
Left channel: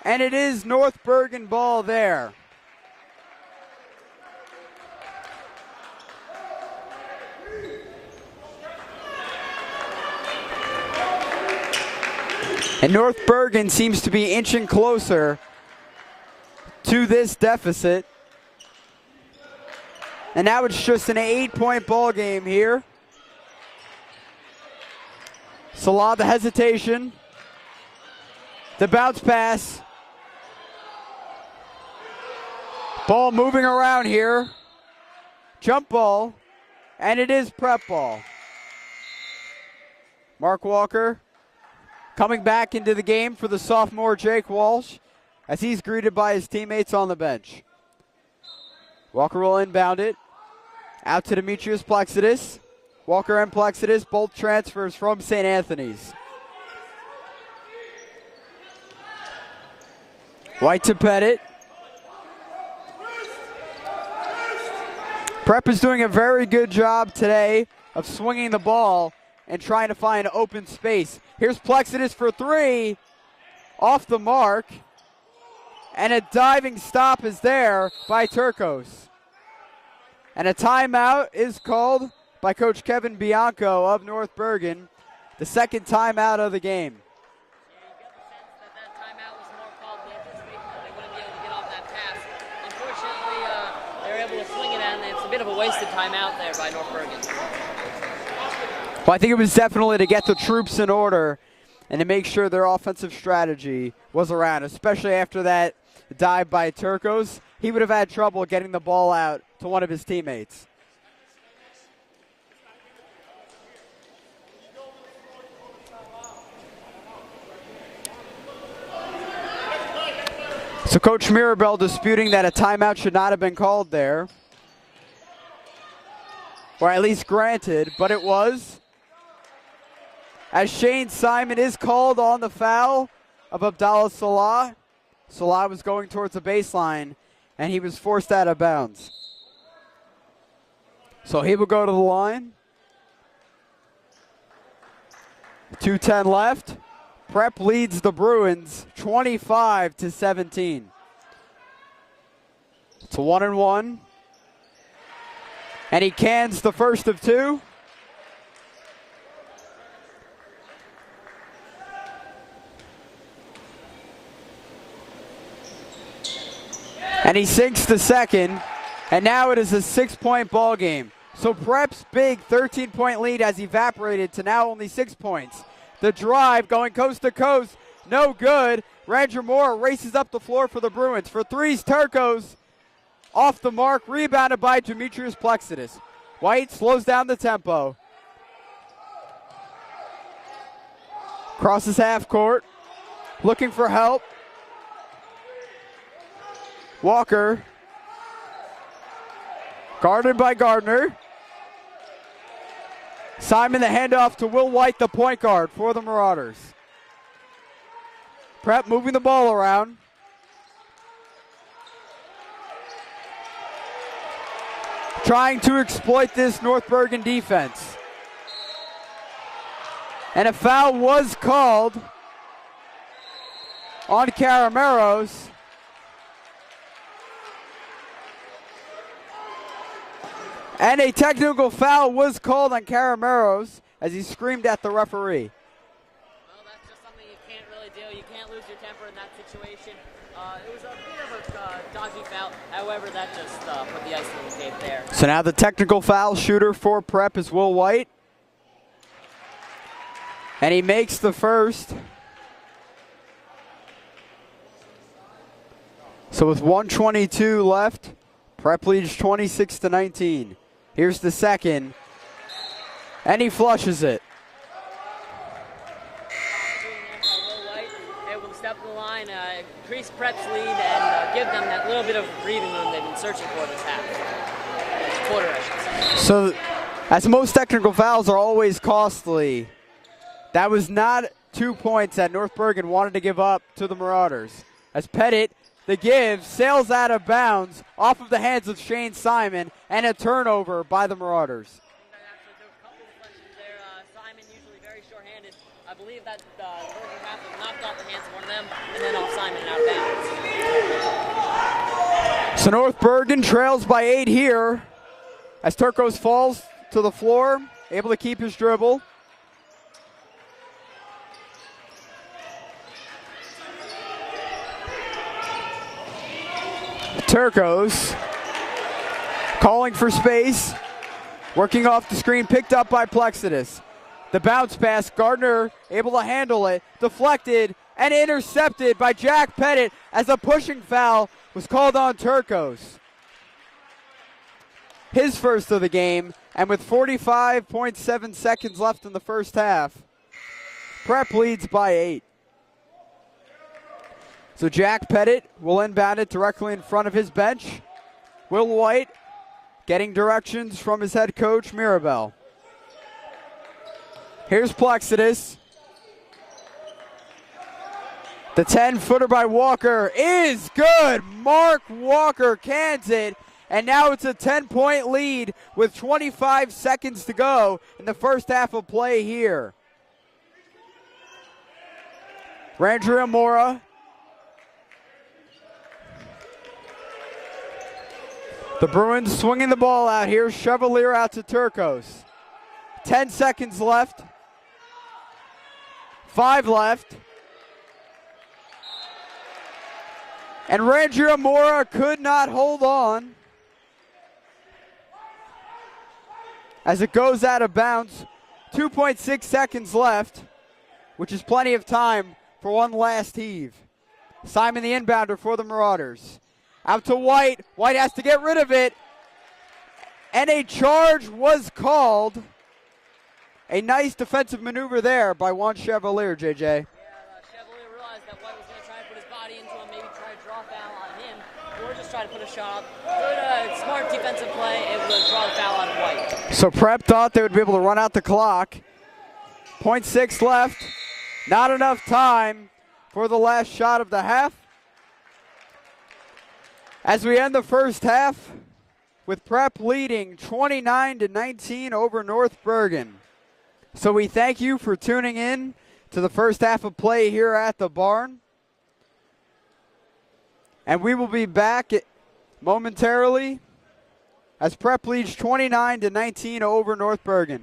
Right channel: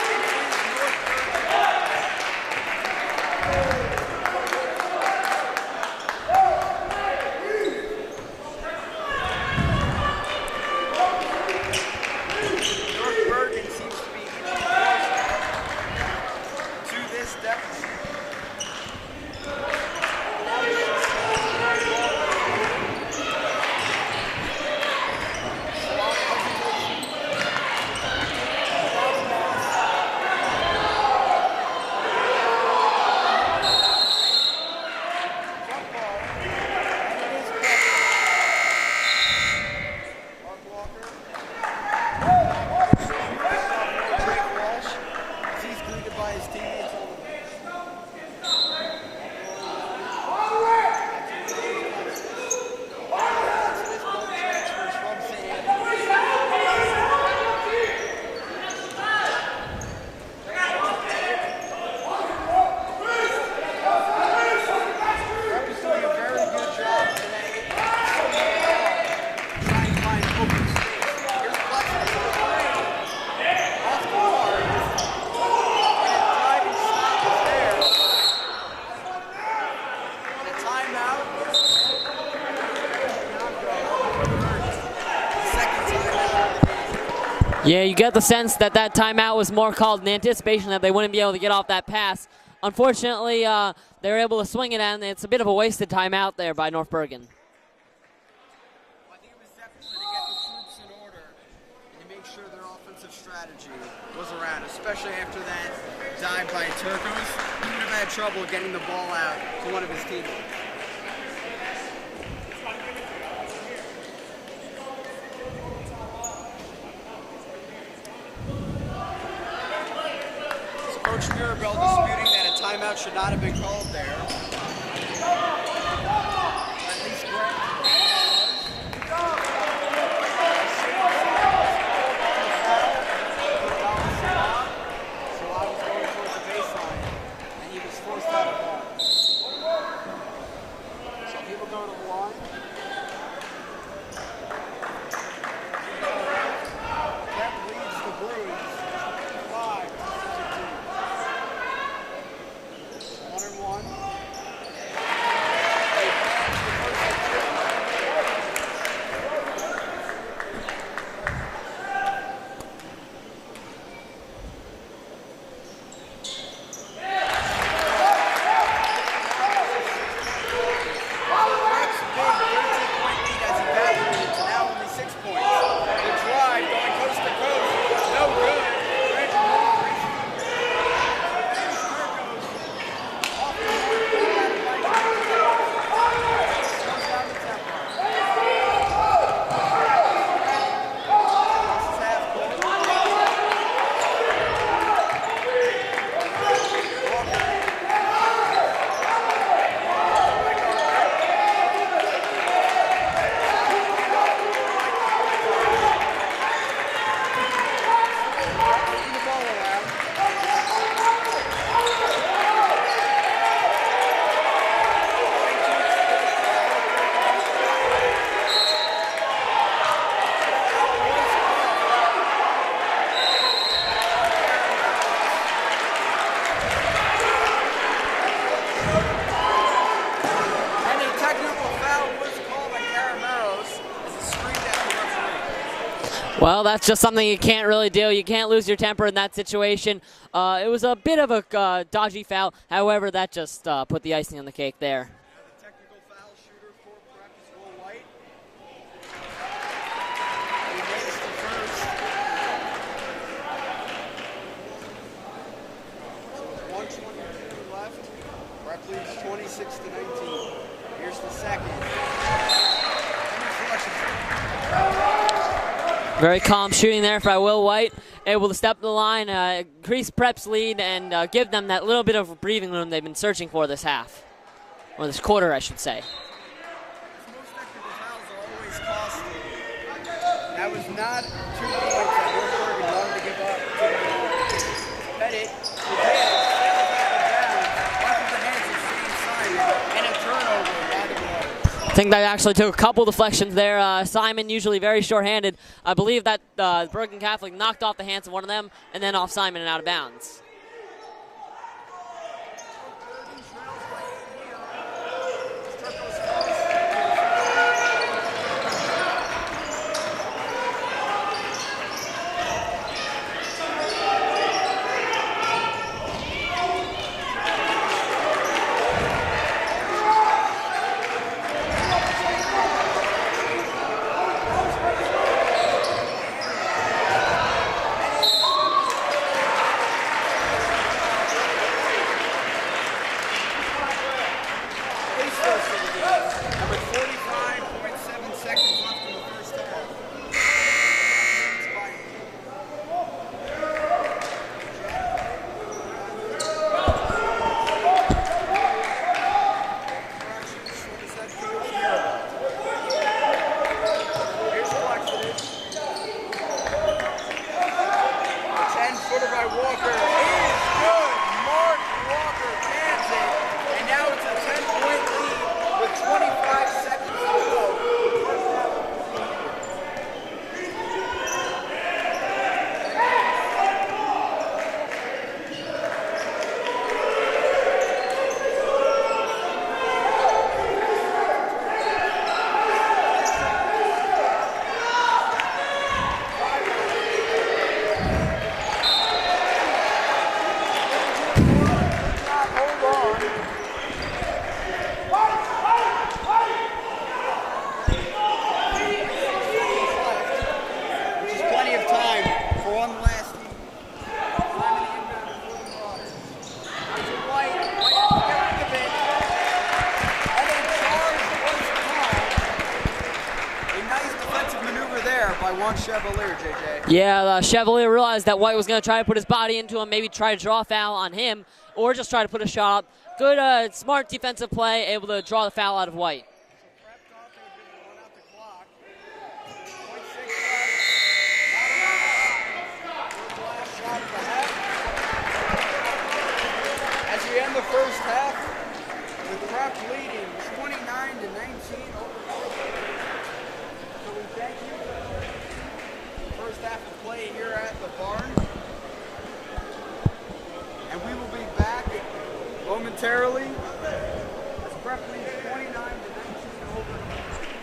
and it is North Bergen ball there. And North Bergen seems to be inching closer to this deficit. And now it's just an 8-point ball game here. Salah, the hesitation. The bounce pass. Ball moving around here. Jump ball. And it is prep ball. Mark Walker coming back into the game for the sophomore Drake Walsh as he's greeted by his teammates on the bench. Walker will inbound it. Out to Demetrius Plexidis. Walker and Plexidis both transfers from St. Anthony's. White to Pettit. Prep is doing a very good job today of swinging the ball and trying to find open space. Here's Plexidis for three. Off the mark. And a diving stop is there by Turcos. And a timeout is called by Coach Kevin Bianco of North Bergen. The second timeout of the game. Yeah, you get the sense that that timeout was more called in anticipation that they wouldn't be able to get off that pass. Unfortunately, they were able to swing it, and it's a bit of a wasted timeout there by North Bergen. Well, I think it was definitely to get the troops in order and to make sure their offensive strategy was around, especially after that dive by Turcos. He would have had trouble getting the ball out to one of his teammates. So Coach Mirabel disputing that a timeout should not have been called there. Or at least granted, but it was. As Shane Simon is called on the foul of Abdallah Salah. Salah was going towards the baseline, and he was forced out of bounds. So he will go to the line. 2:10 left. Prep leads the Bruins 25-17. It's 1-1. And he cans the first of two. And he sinks the second, and now it is a 6-point ball game. So Prep's big 13-point lead has evaporated to now only 6 points. The drive going coast to coast, no good. Ranger Moore races up the floor for the Bruins. For threes, Turcos off the mark, rebounded by Demetrius Plexidis. White slows down the tempo. Crosses half court, looking for help. Walker, guarded by Gardner. Simon the handoff to Will White, the point guard for the Marauders. Prep moving the ball around. Trying to exploit this North Bergen defense. And a foul was called on Carameros. And a technical foul was called on Carameros as he screamed at the referee. Well, that's just something you can't really do. You can't lose your temper in that situation. It was a bit of a dodgy foul. However, that just put the icing on the cake there. So now the technical foul shooter for Prep is Will White. And he makes the first. So with 1:22 left, Prep leads 26-19. Here's the second. And he flushes it. Very calm shooting there by Will White. Able to step the line, increase Prep's lead, and give them that little bit of breathing room they've been searching for this half. Or this quarter, I should say. So, as most technical fouls are always costly, that was not 2 points that North Bergen wanted to give up to the Marauders. As Pettit, the give, sails out of bounds off of the hands of Shane Simon, and a turnover by the Marauders. I think that actually took a couple deflections there. Simon, usually very short-handed. I believe that Bergen Catholic knocked off the hands of one of them and then off Simon and out of bounds. So North Bergen trails by 8 here as Turcos falls to the floor, able to keep his dribble. Turcos calling for space. Working off the screen, picked up by Plexidus. The bounce pass, Gardner able to handle it, deflected and intercepted by Jack Pettit as a pushing foul is called on Turcos. His first of the game, and with 45.7 seconds left in the first half, Prep leads by 8. So Jack Pettit will inbound it directly in front of his bench. Will White getting directions from his head coach, Mirabel. Here's Plexidus. The 10-footer by Walker is good. Mark Walker cans it, and now it's a 10-point lead with 25 seconds to go in the first half of play here. Ranger Amora. The Bruins swinging the ball out here. Chevalier out to Turcos. 10 seconds left. 5 left. And Ranger Amora could not hold on as it goes out of bounds. 2.6 seconds left, which is plenty of time for one last heave. Simon the inbounder for the Marauders. Out to White. White has to get rid of it. And a charge was called. A nice defensive maneuver there by Juan Chevalier, JJ. Yeah, Chevalier realized that White was going to try to put his body into him, maybe try to draw a foul on him, or just try to put a shot up. Good, smart defensive play, able to draw the foul on White. So Prep thought they would be able to run out the clock. 0.6 left. Not enough time for the last shot of the half. As we end the first half with Prep leading 29-19 over North Bergen. So we thank you for tuning in to the first half of play here at the Barn. And we will be back momentarily as Prep leads 29-19 over North Bergen.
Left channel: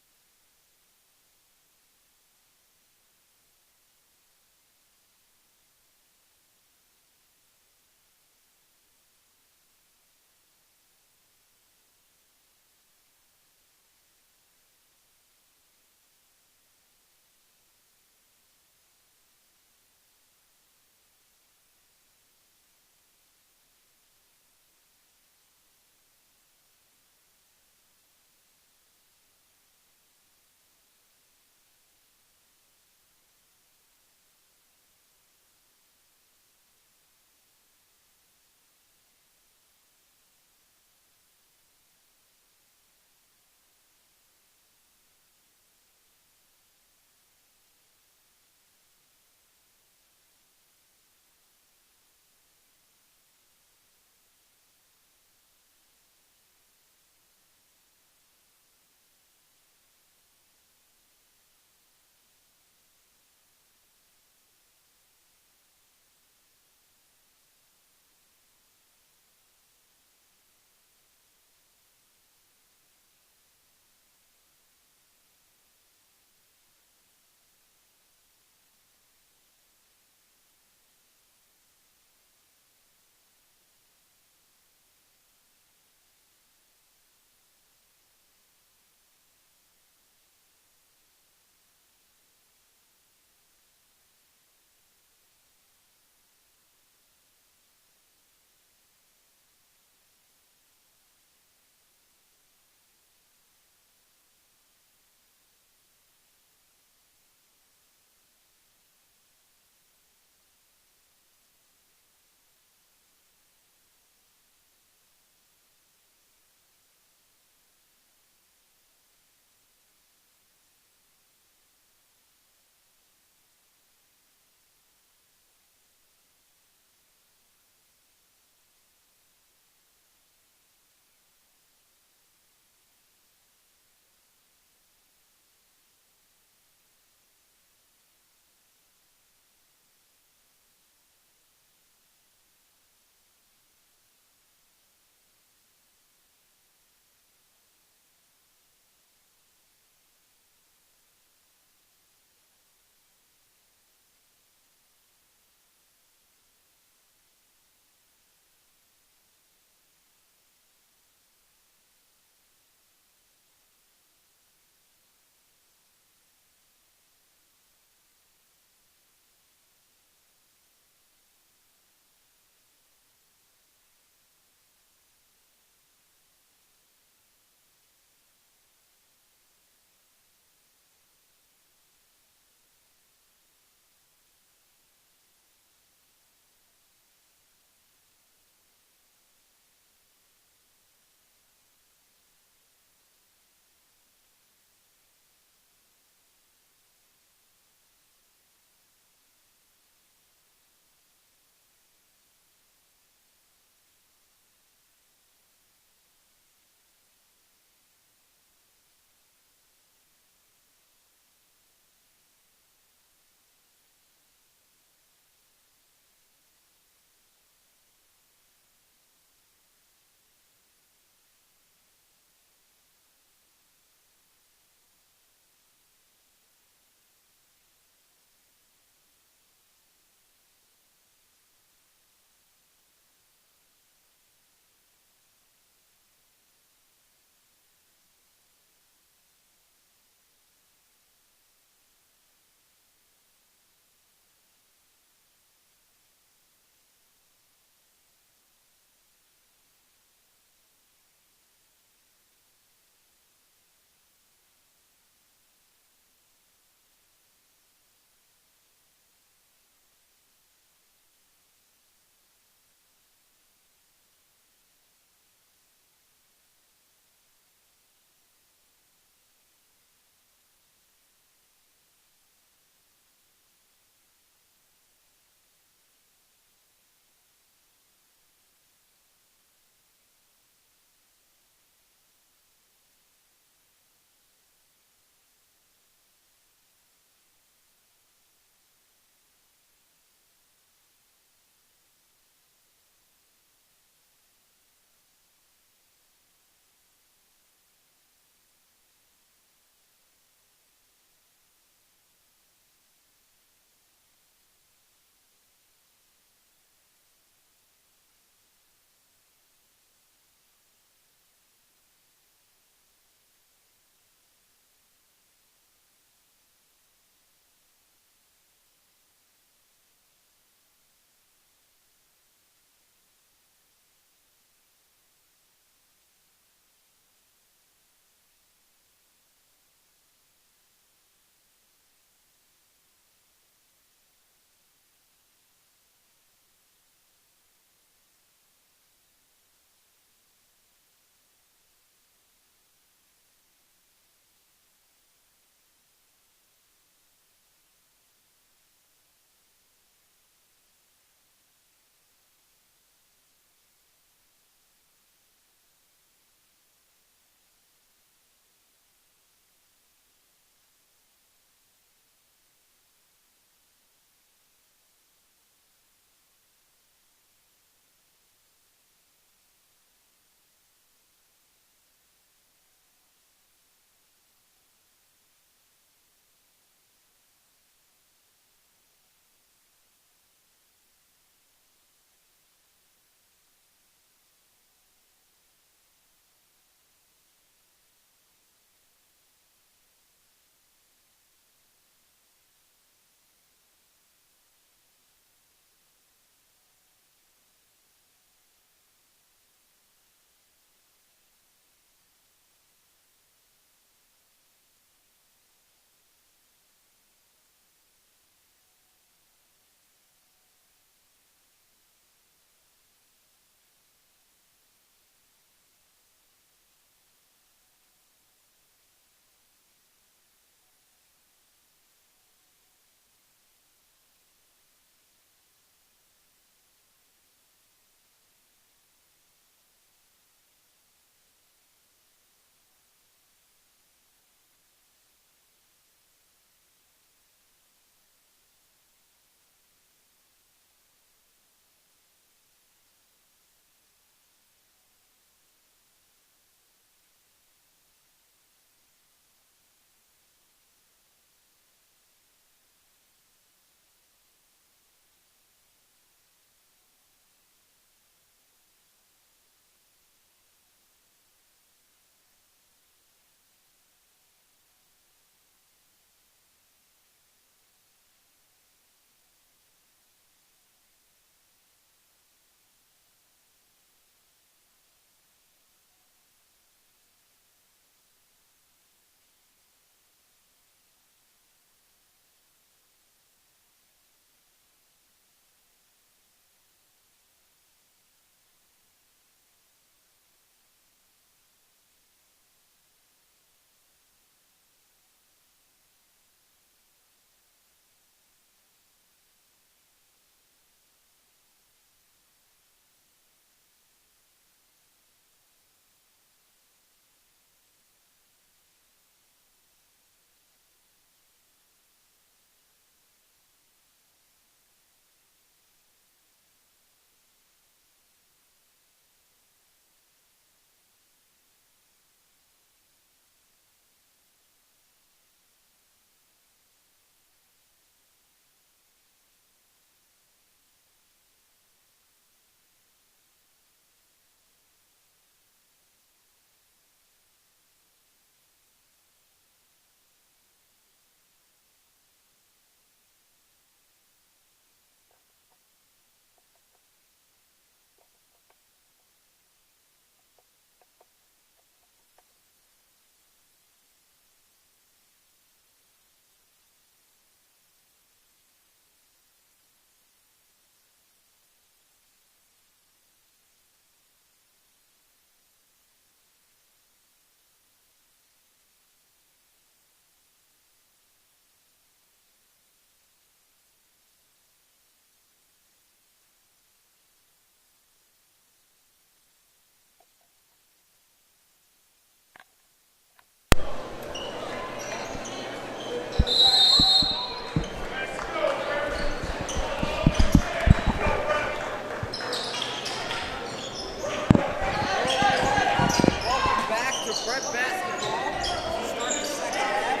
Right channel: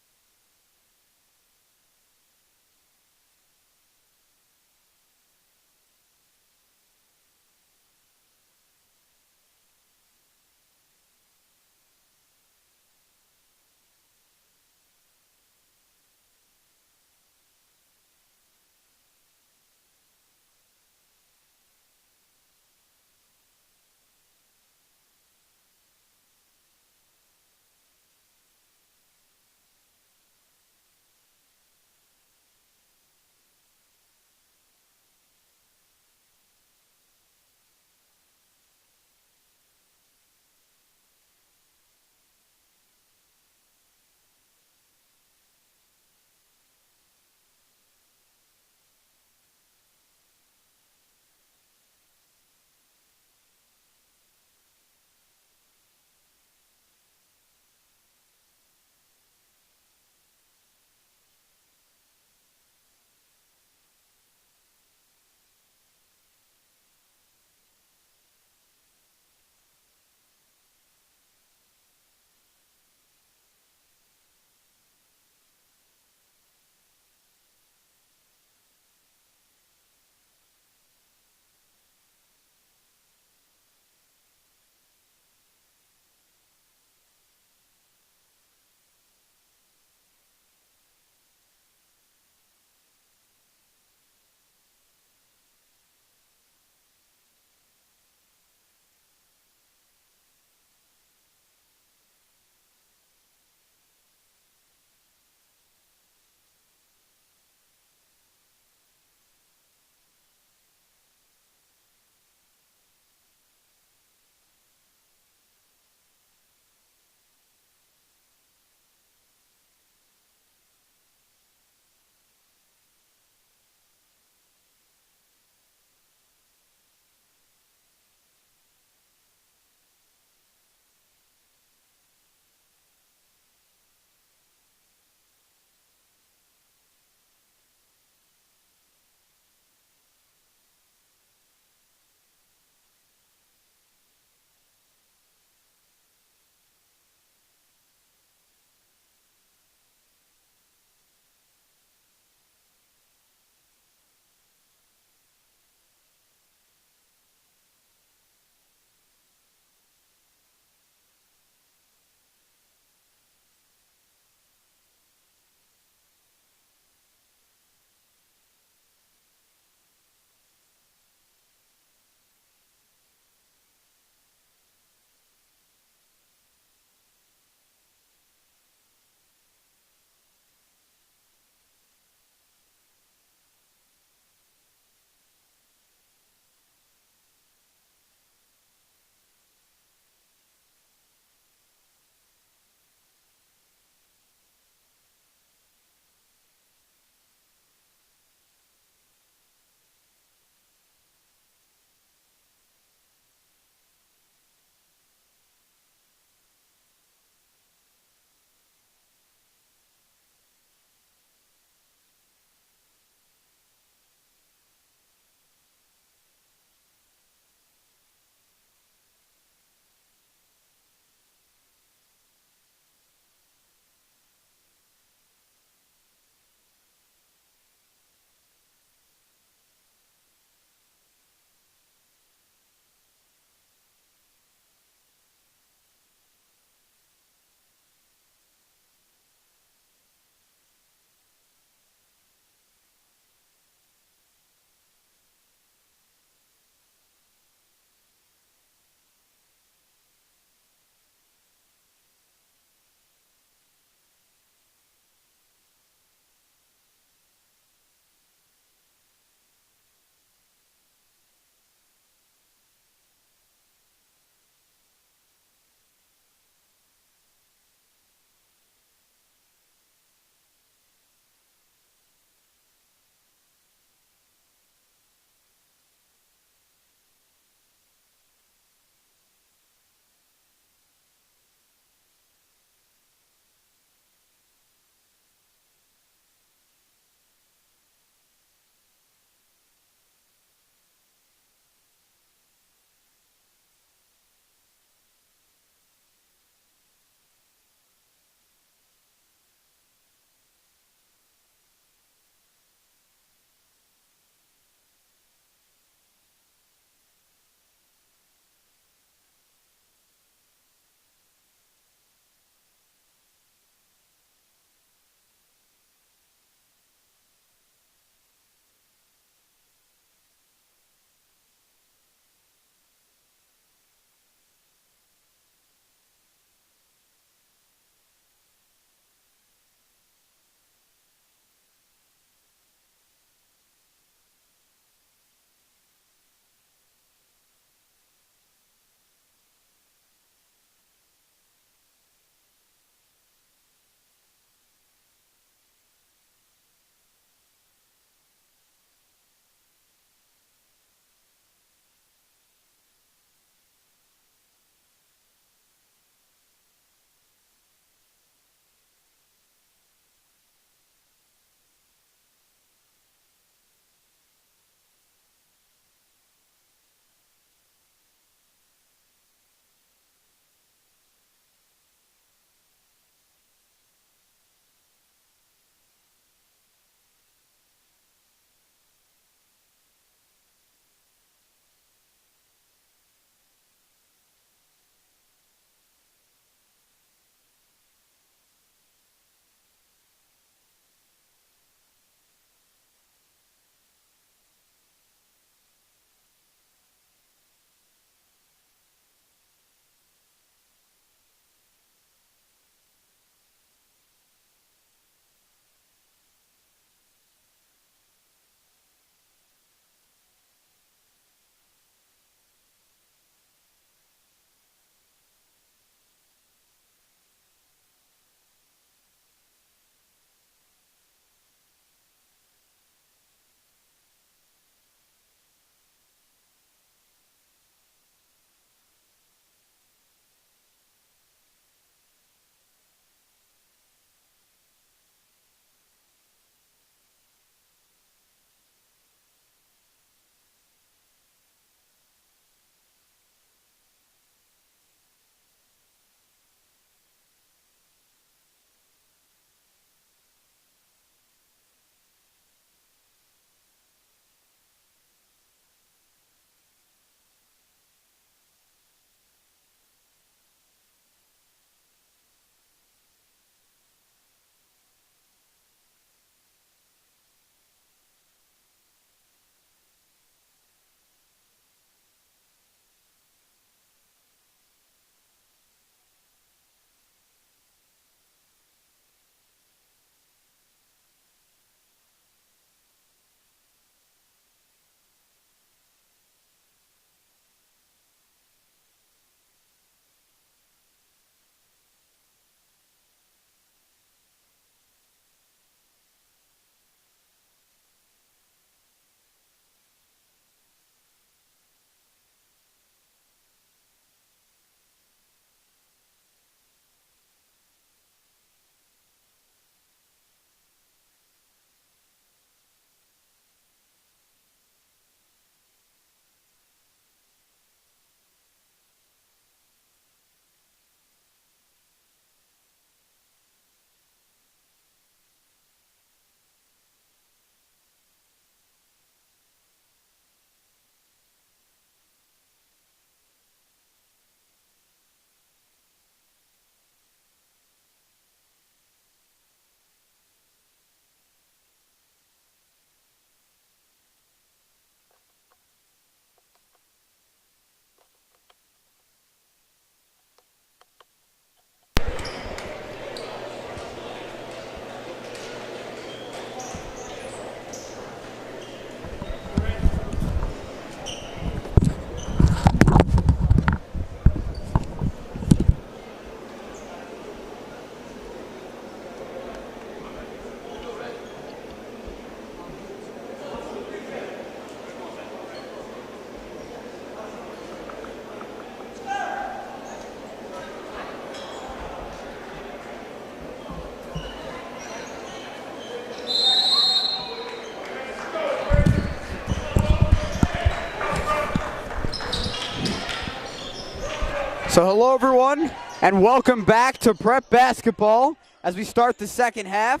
So hello everyone, and welcome back to Prep Basketball as we start the second half.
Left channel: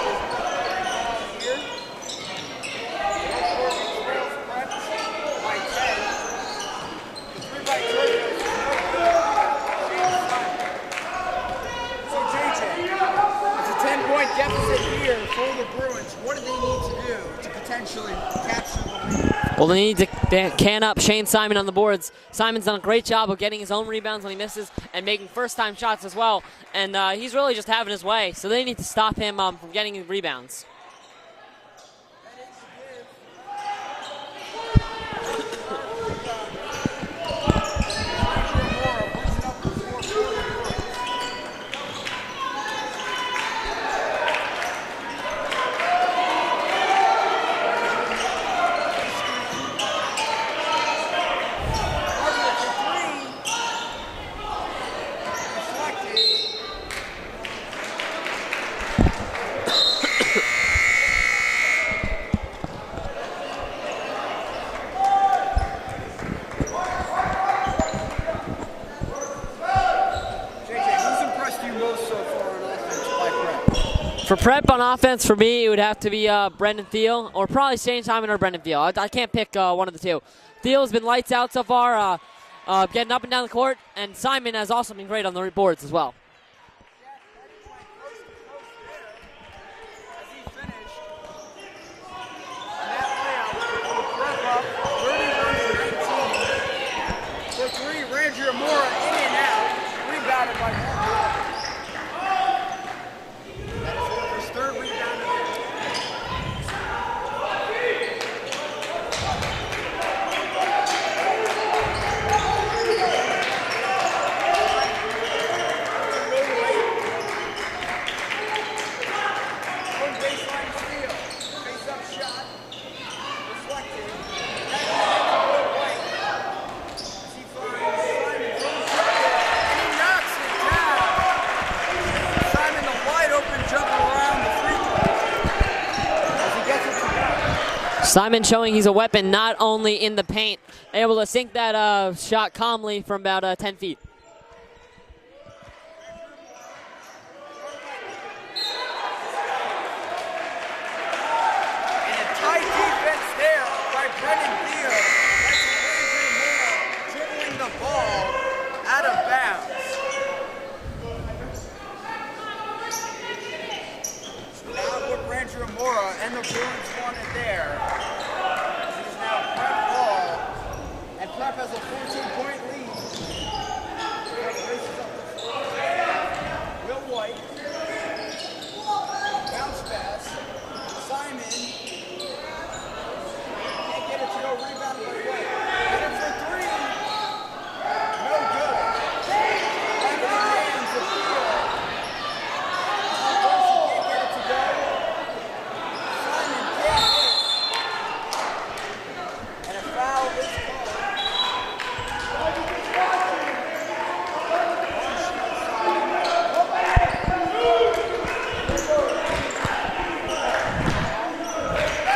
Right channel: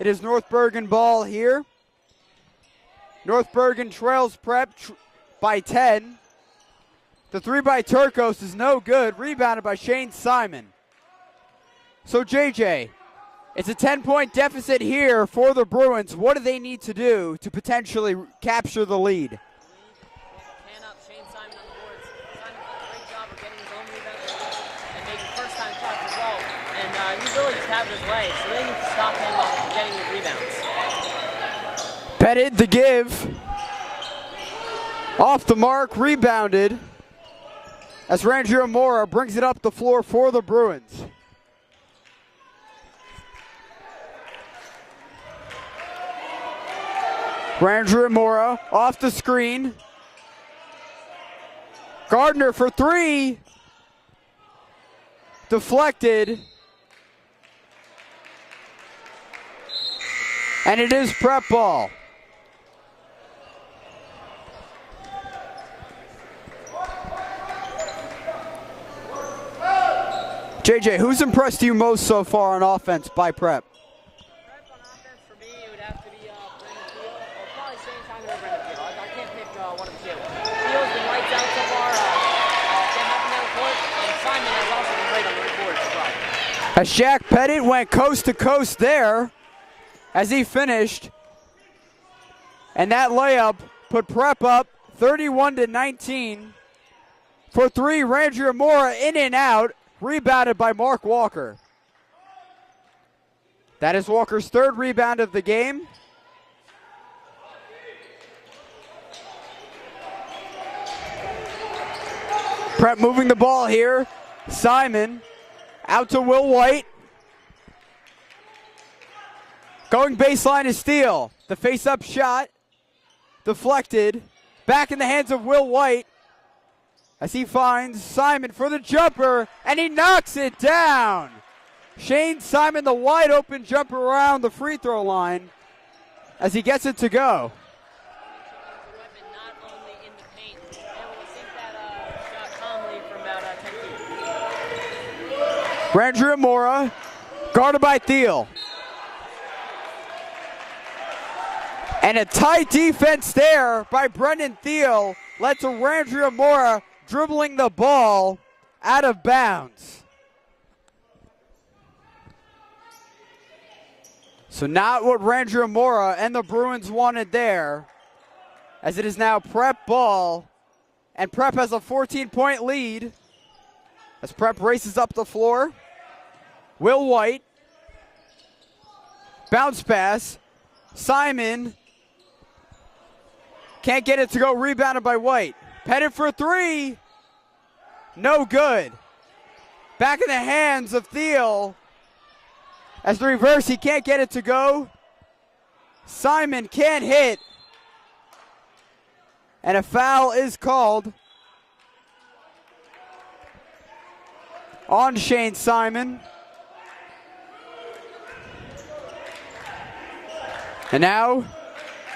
It is North Bergen ball here. North Bergen trails Prep by 10. The three by Turcos is no good, rebounded by Shane Simon. So JJ, it's a 10-point deficit here for the Bruins. What do they need to do to potentially capture the lead? Well, they need to can up Shane Simon on the boards. Simon's done a great job of getting his own rebounds when he misses and making first-time shots as well. And he's really just having his way. So they need to stop him getting rebounds. Pettit, the give. Off the mark, rebounded. As Rangio Mora brings it up the floor for the Bruins. Rangio Mora off the screen. Gardner for three. Deflected. And it is Prep ball. JJ, who's impressed you most so far on offense by Prep? For Prep on offense, for me, it would have to be Brendan Thiel, or probably Shane Simon or Brendan Thiel. I can't pick one of the two. Thiel's been lights out so far, getting up and down the court, and Simon has also been great on the boards as well. As Shaq Pettit went coast to coast there as he finished. And that layup put Prep up 31-19. For three, Rangio Mora in and out, rebounded by Mark Walker. That is Walker's third rebound of the game. Prep moving the ball here. Simon out to Will White. Going baseline to steal. The face-up shot deflected. Back in the hands of Will White as he finds Simon for the jumper, and he knocks it down. Shane Simon, the wide open jumper around the free throw line as he gets it to go. Simon showing he's a weapon not only in the paint, able to sink that shot calmly from about 10 feet. Rangio Mora, guarded by Thiel. And a tight defense there by Brendan Thiel led to Rangio Mora dribbling the ball out of bounds. So not what Rangio Mora and the Bruins wanted there, as it is now Prep ball, and Prep has a 14-point lead as Prep races up the floor. Will White, bounce pass, Simon, can't get it to go, rebounded by White. Headed for three, no good. Back in the hands of Thiel. As reverse, he can't get it to go. Simon can't hit. And a foul is called on Shane Simon. And now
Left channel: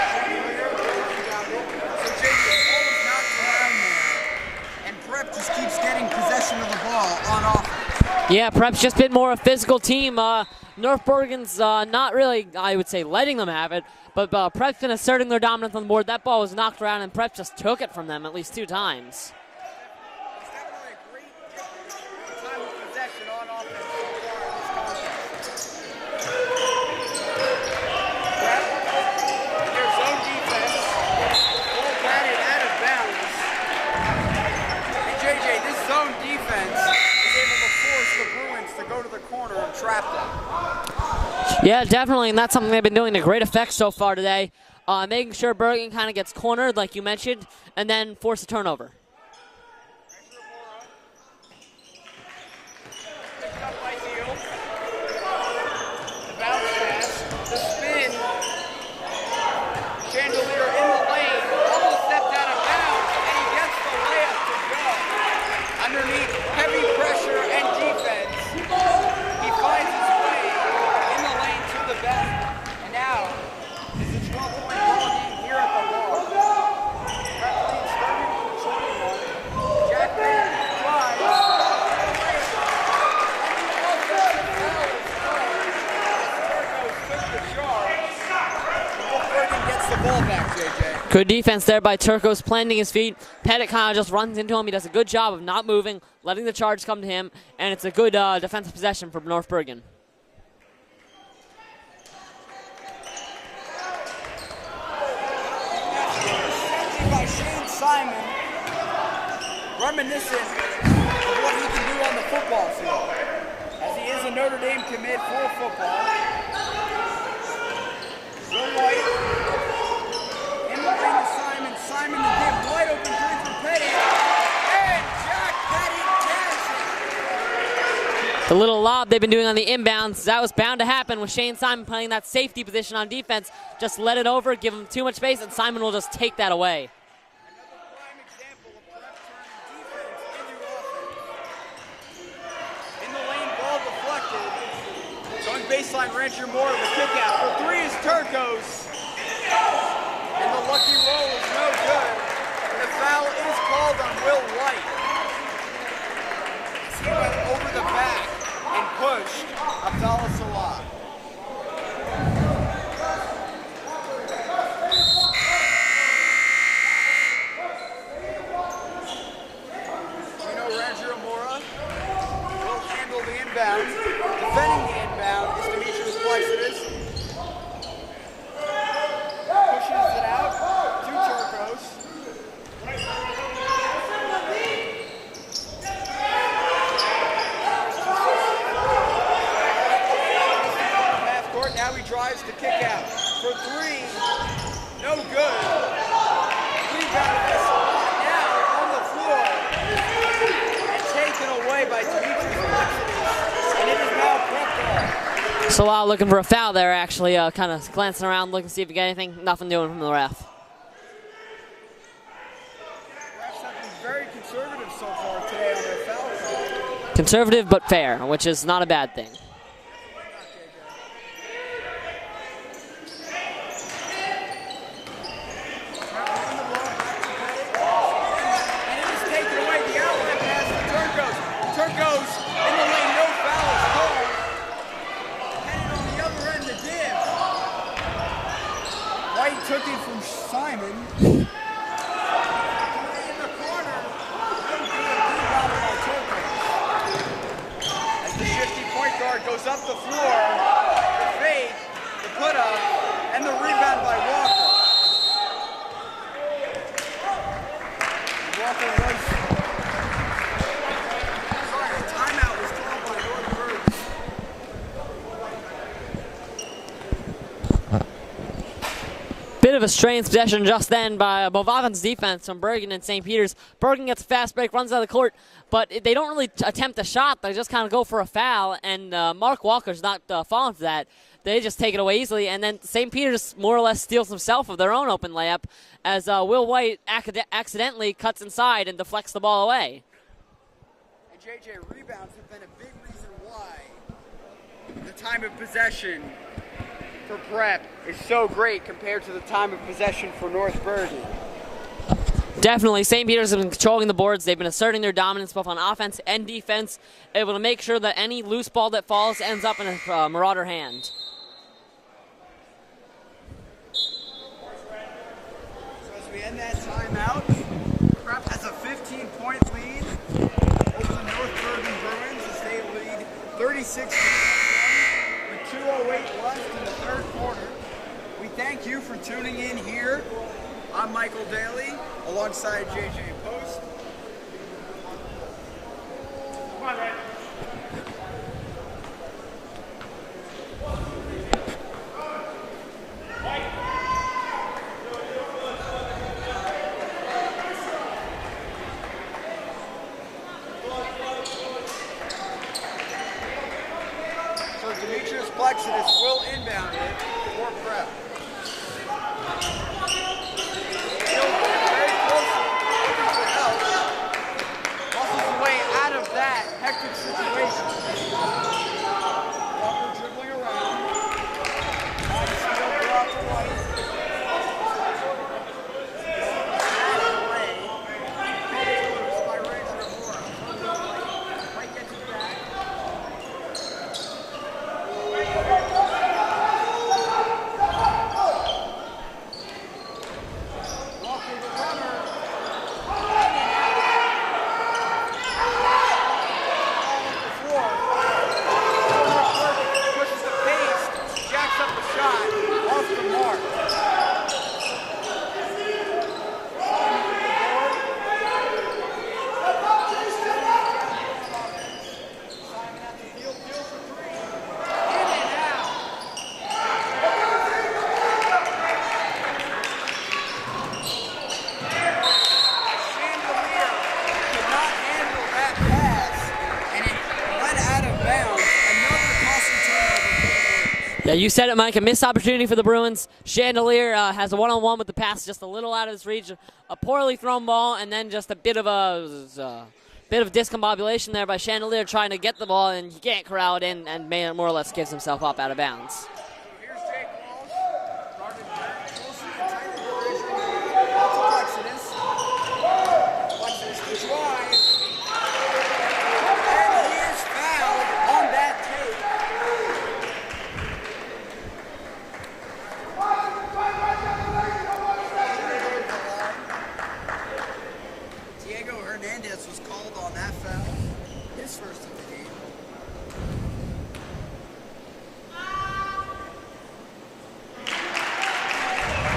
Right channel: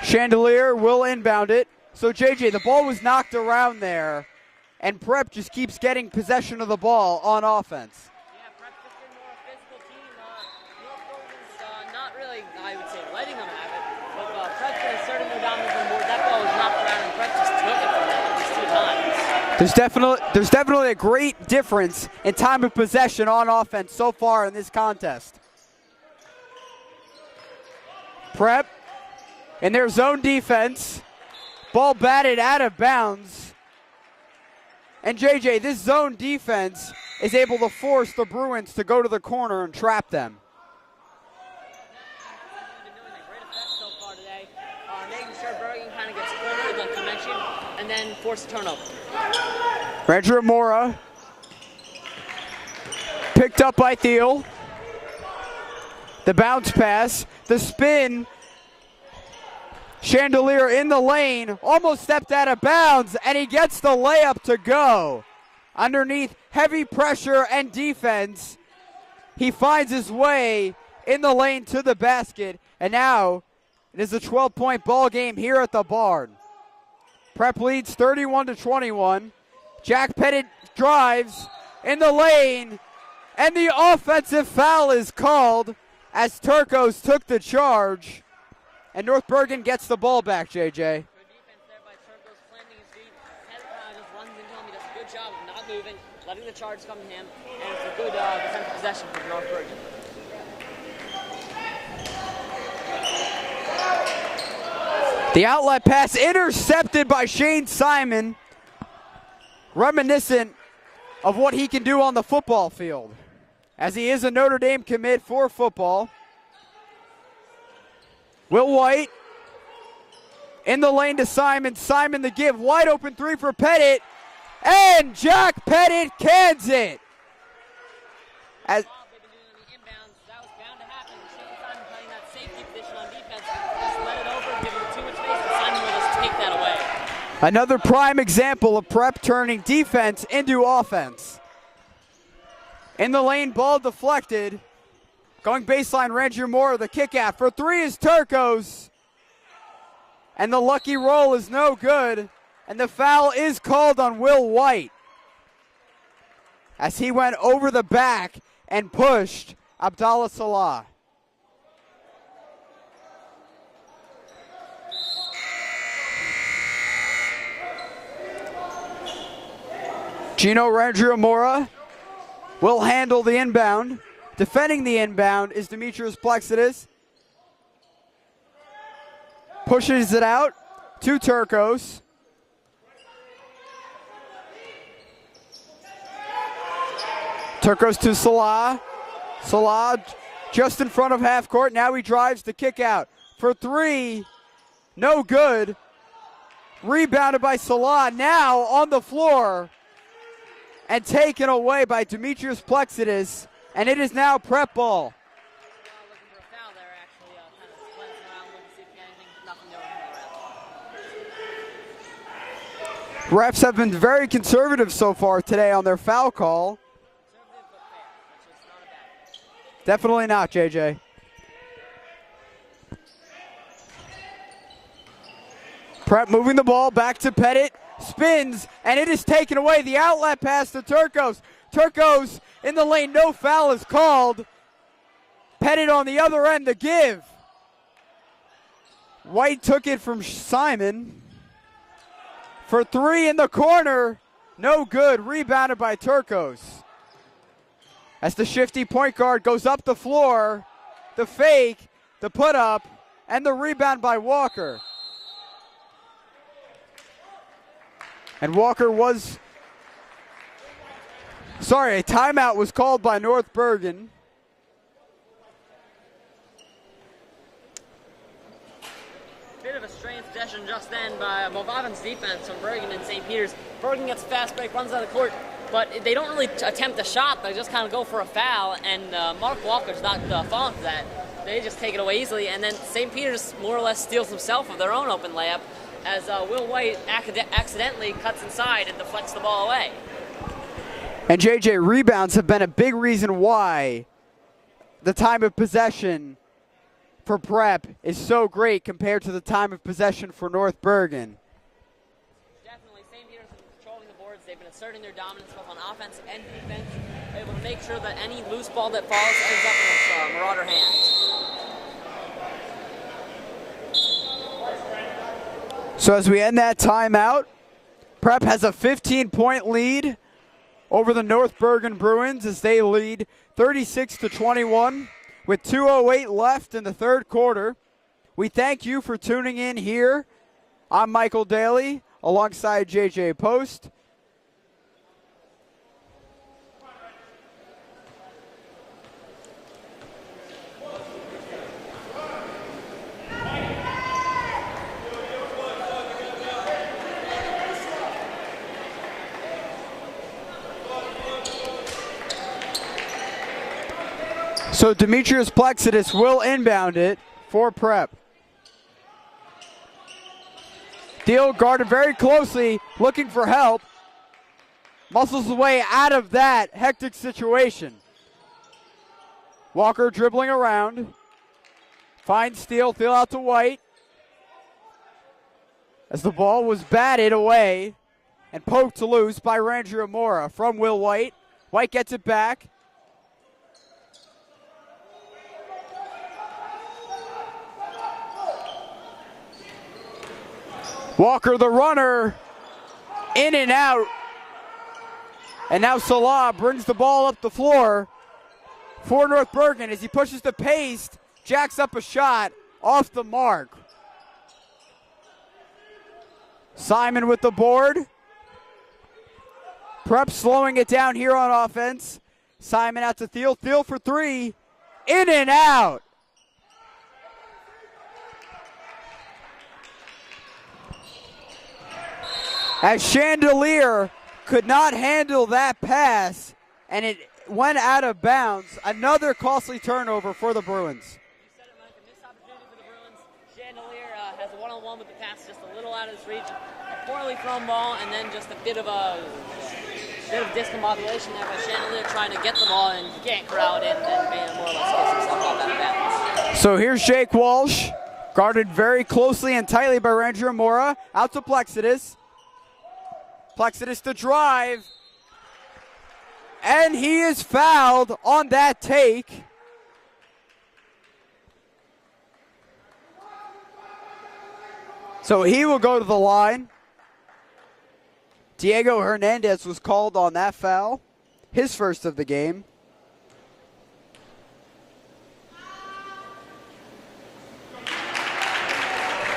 Chandelier will inbound it. So JJ, the ball was knocked around there, and Prep just keeps getting possession of the ball on offense. Yeah, Prep's just been more a physical team. North Bergen's not really, I would say, letting them have it, but Prep's been asserting their dominance on the board. That ball was knocked around, and Prep just took it from them at least 2 times. There's definitely a great difference in time of possession on offense so far in this contest. Prep in their zone defense, ball batted out of bounds. And JJ, this zone defense is able to force the Bruins to go to the corner and trap them. Yeah, definitely, and that's something they've been doing to great effect so far today. Making sure Bergen kind of gets cornered, like you mentioned, and then force a turnover. Rangio Mora, picked up by Thiel. The bounce pass, the spin. Chandelier in the lane, almost stepped out of bounds, and he gets the layup to go. Underneath heavy pressure and defense, he finds his way in the lane to the basket, and now it is a 12-point ball game here at the Barn. Prep leads 31-21. Jack Pettit drives, in the lane, and the offensive foul is called as Turcos took the charge. And North Bergen gets the ball back, JJ. Good defense there by Turcos, planting his feet. Pettit kind of just runs into him. He does a good job of not moving, letting the charge come to him, and it's a good defensive possession for North Bergen. The outlet pass intercepted by Shane Simon, reminiscent of what he can do on the football field, as he is a Notre Dame commit for football. Will White in the lane to Simon. Simon the give, wide open three for Pettit, and Jack Pettit cans it. The little lob they've been doing on the inbounds, that was bound to happen with Shane Simon playing that safety position on defense. Just let it over, give him too much space, and Simon will just take that away. Another prime example of Prep turning defense into offense. In the lane, ball deflected. Going baseline, Ranger Moore, the kick out. For three is Turcos. And the lucky roll is no good. And the foul is called on Will White, as he went over the back and pushed Abdallah Salah. Gino Ranger Mora will handle the inbound. Defending the inbound is Demetrius Plexides. Pushes it out to Turcos. Turcos to Salah. Salah just in front of half court. Now he drives to kick out. For three, no good. Rebounded by Salah, now on the floor. And taken away by Demetrius Plexides. And it is now Prep ball. Salah looking for a foul there, actually, kind of glancing around, looking to see if he got anything. Nothing doing from the ref. Refs have been very conservative so far today on their foul call. Conservative but fair, which is not a bad thing. Definitely not, JJ. Prep moving the ball back to Pettit, spins, and it is taken away. The outlet pass to Turcos. Turcos in the lane, no foul is called. Pettit on the other end to give. White took it from Simon. For three in the corner, no good, rebounded by Turcos. As the shifty point guard goes up the floor, the fake, the put up, and the rebound by Walker. And Walker was, a timeout was called by North Bergen. Bit of a strange possession just then by McGovern's defense from Bergen and St. Peter's. Bergen gets a fast break, runs out of the court, but they don't really attempt a shot. They just kind of go for a foul, and Mark Walker's not falling for that. They just take it away easily, and then St. Peter's more or less steals himself of their own open layup as Will White accidentally cuts inside and deflects the ball away. And JJ, rebounds have been a big reason why the time of possession for Prep is so great compared to the time of possession for North Bergen. Definitely, St. Peter's have been controlling the boards. They've been asserting their dominance both on offense and defense, able to make sure that any loose ball that falls ends up in a Marauder hand. So as we end that timeout, Prep has a 15-point lead over the North Bergen Bruins as they lead 36-21 with 2:08 left in the third quarter. We thank you for tuning in here. I'm Michael Daly alongside JJ Post. So Demetrius Plexides will inbound it for Prep. Deal guarded very closely, looking for help. Muscles his way out of that hectic situation. Walker dribbling around. Finds steal, throw out to White. As the ball was batted away and poked loose by Ranger Amora from Will White. White gets it back. Walker, the runner, in and out. And now Salah brings the ball up the floor for North Bergen as he pushes the pace, jacks up a shot off the mark. Simon with the board. Prep slowing it down here on offense. Simon out to Thiel. Thiel for three. In and out. As Chandelier could not handle that pass, and it went out of bounds. Another costly turnover for the Bruins. Yeah, you said it, Mike. A missed opportunity for the Bruins. Chandelier has a one-on-one with the pass, just a little out of his reach. A poorly thrown ball, and then just a bit of discombobulation there by Chandelier trying to get the ball, and you can't corral it in, and man more or less gives himself off out of bounds. So here's Jake Walsh, guarded very closely and tightly by Ranger Mora. Out to Plexidus. Plexidus to drive. And he is fouled on that take. So he will go to the line. Diego Hernandez was called on that foul, his first of the game.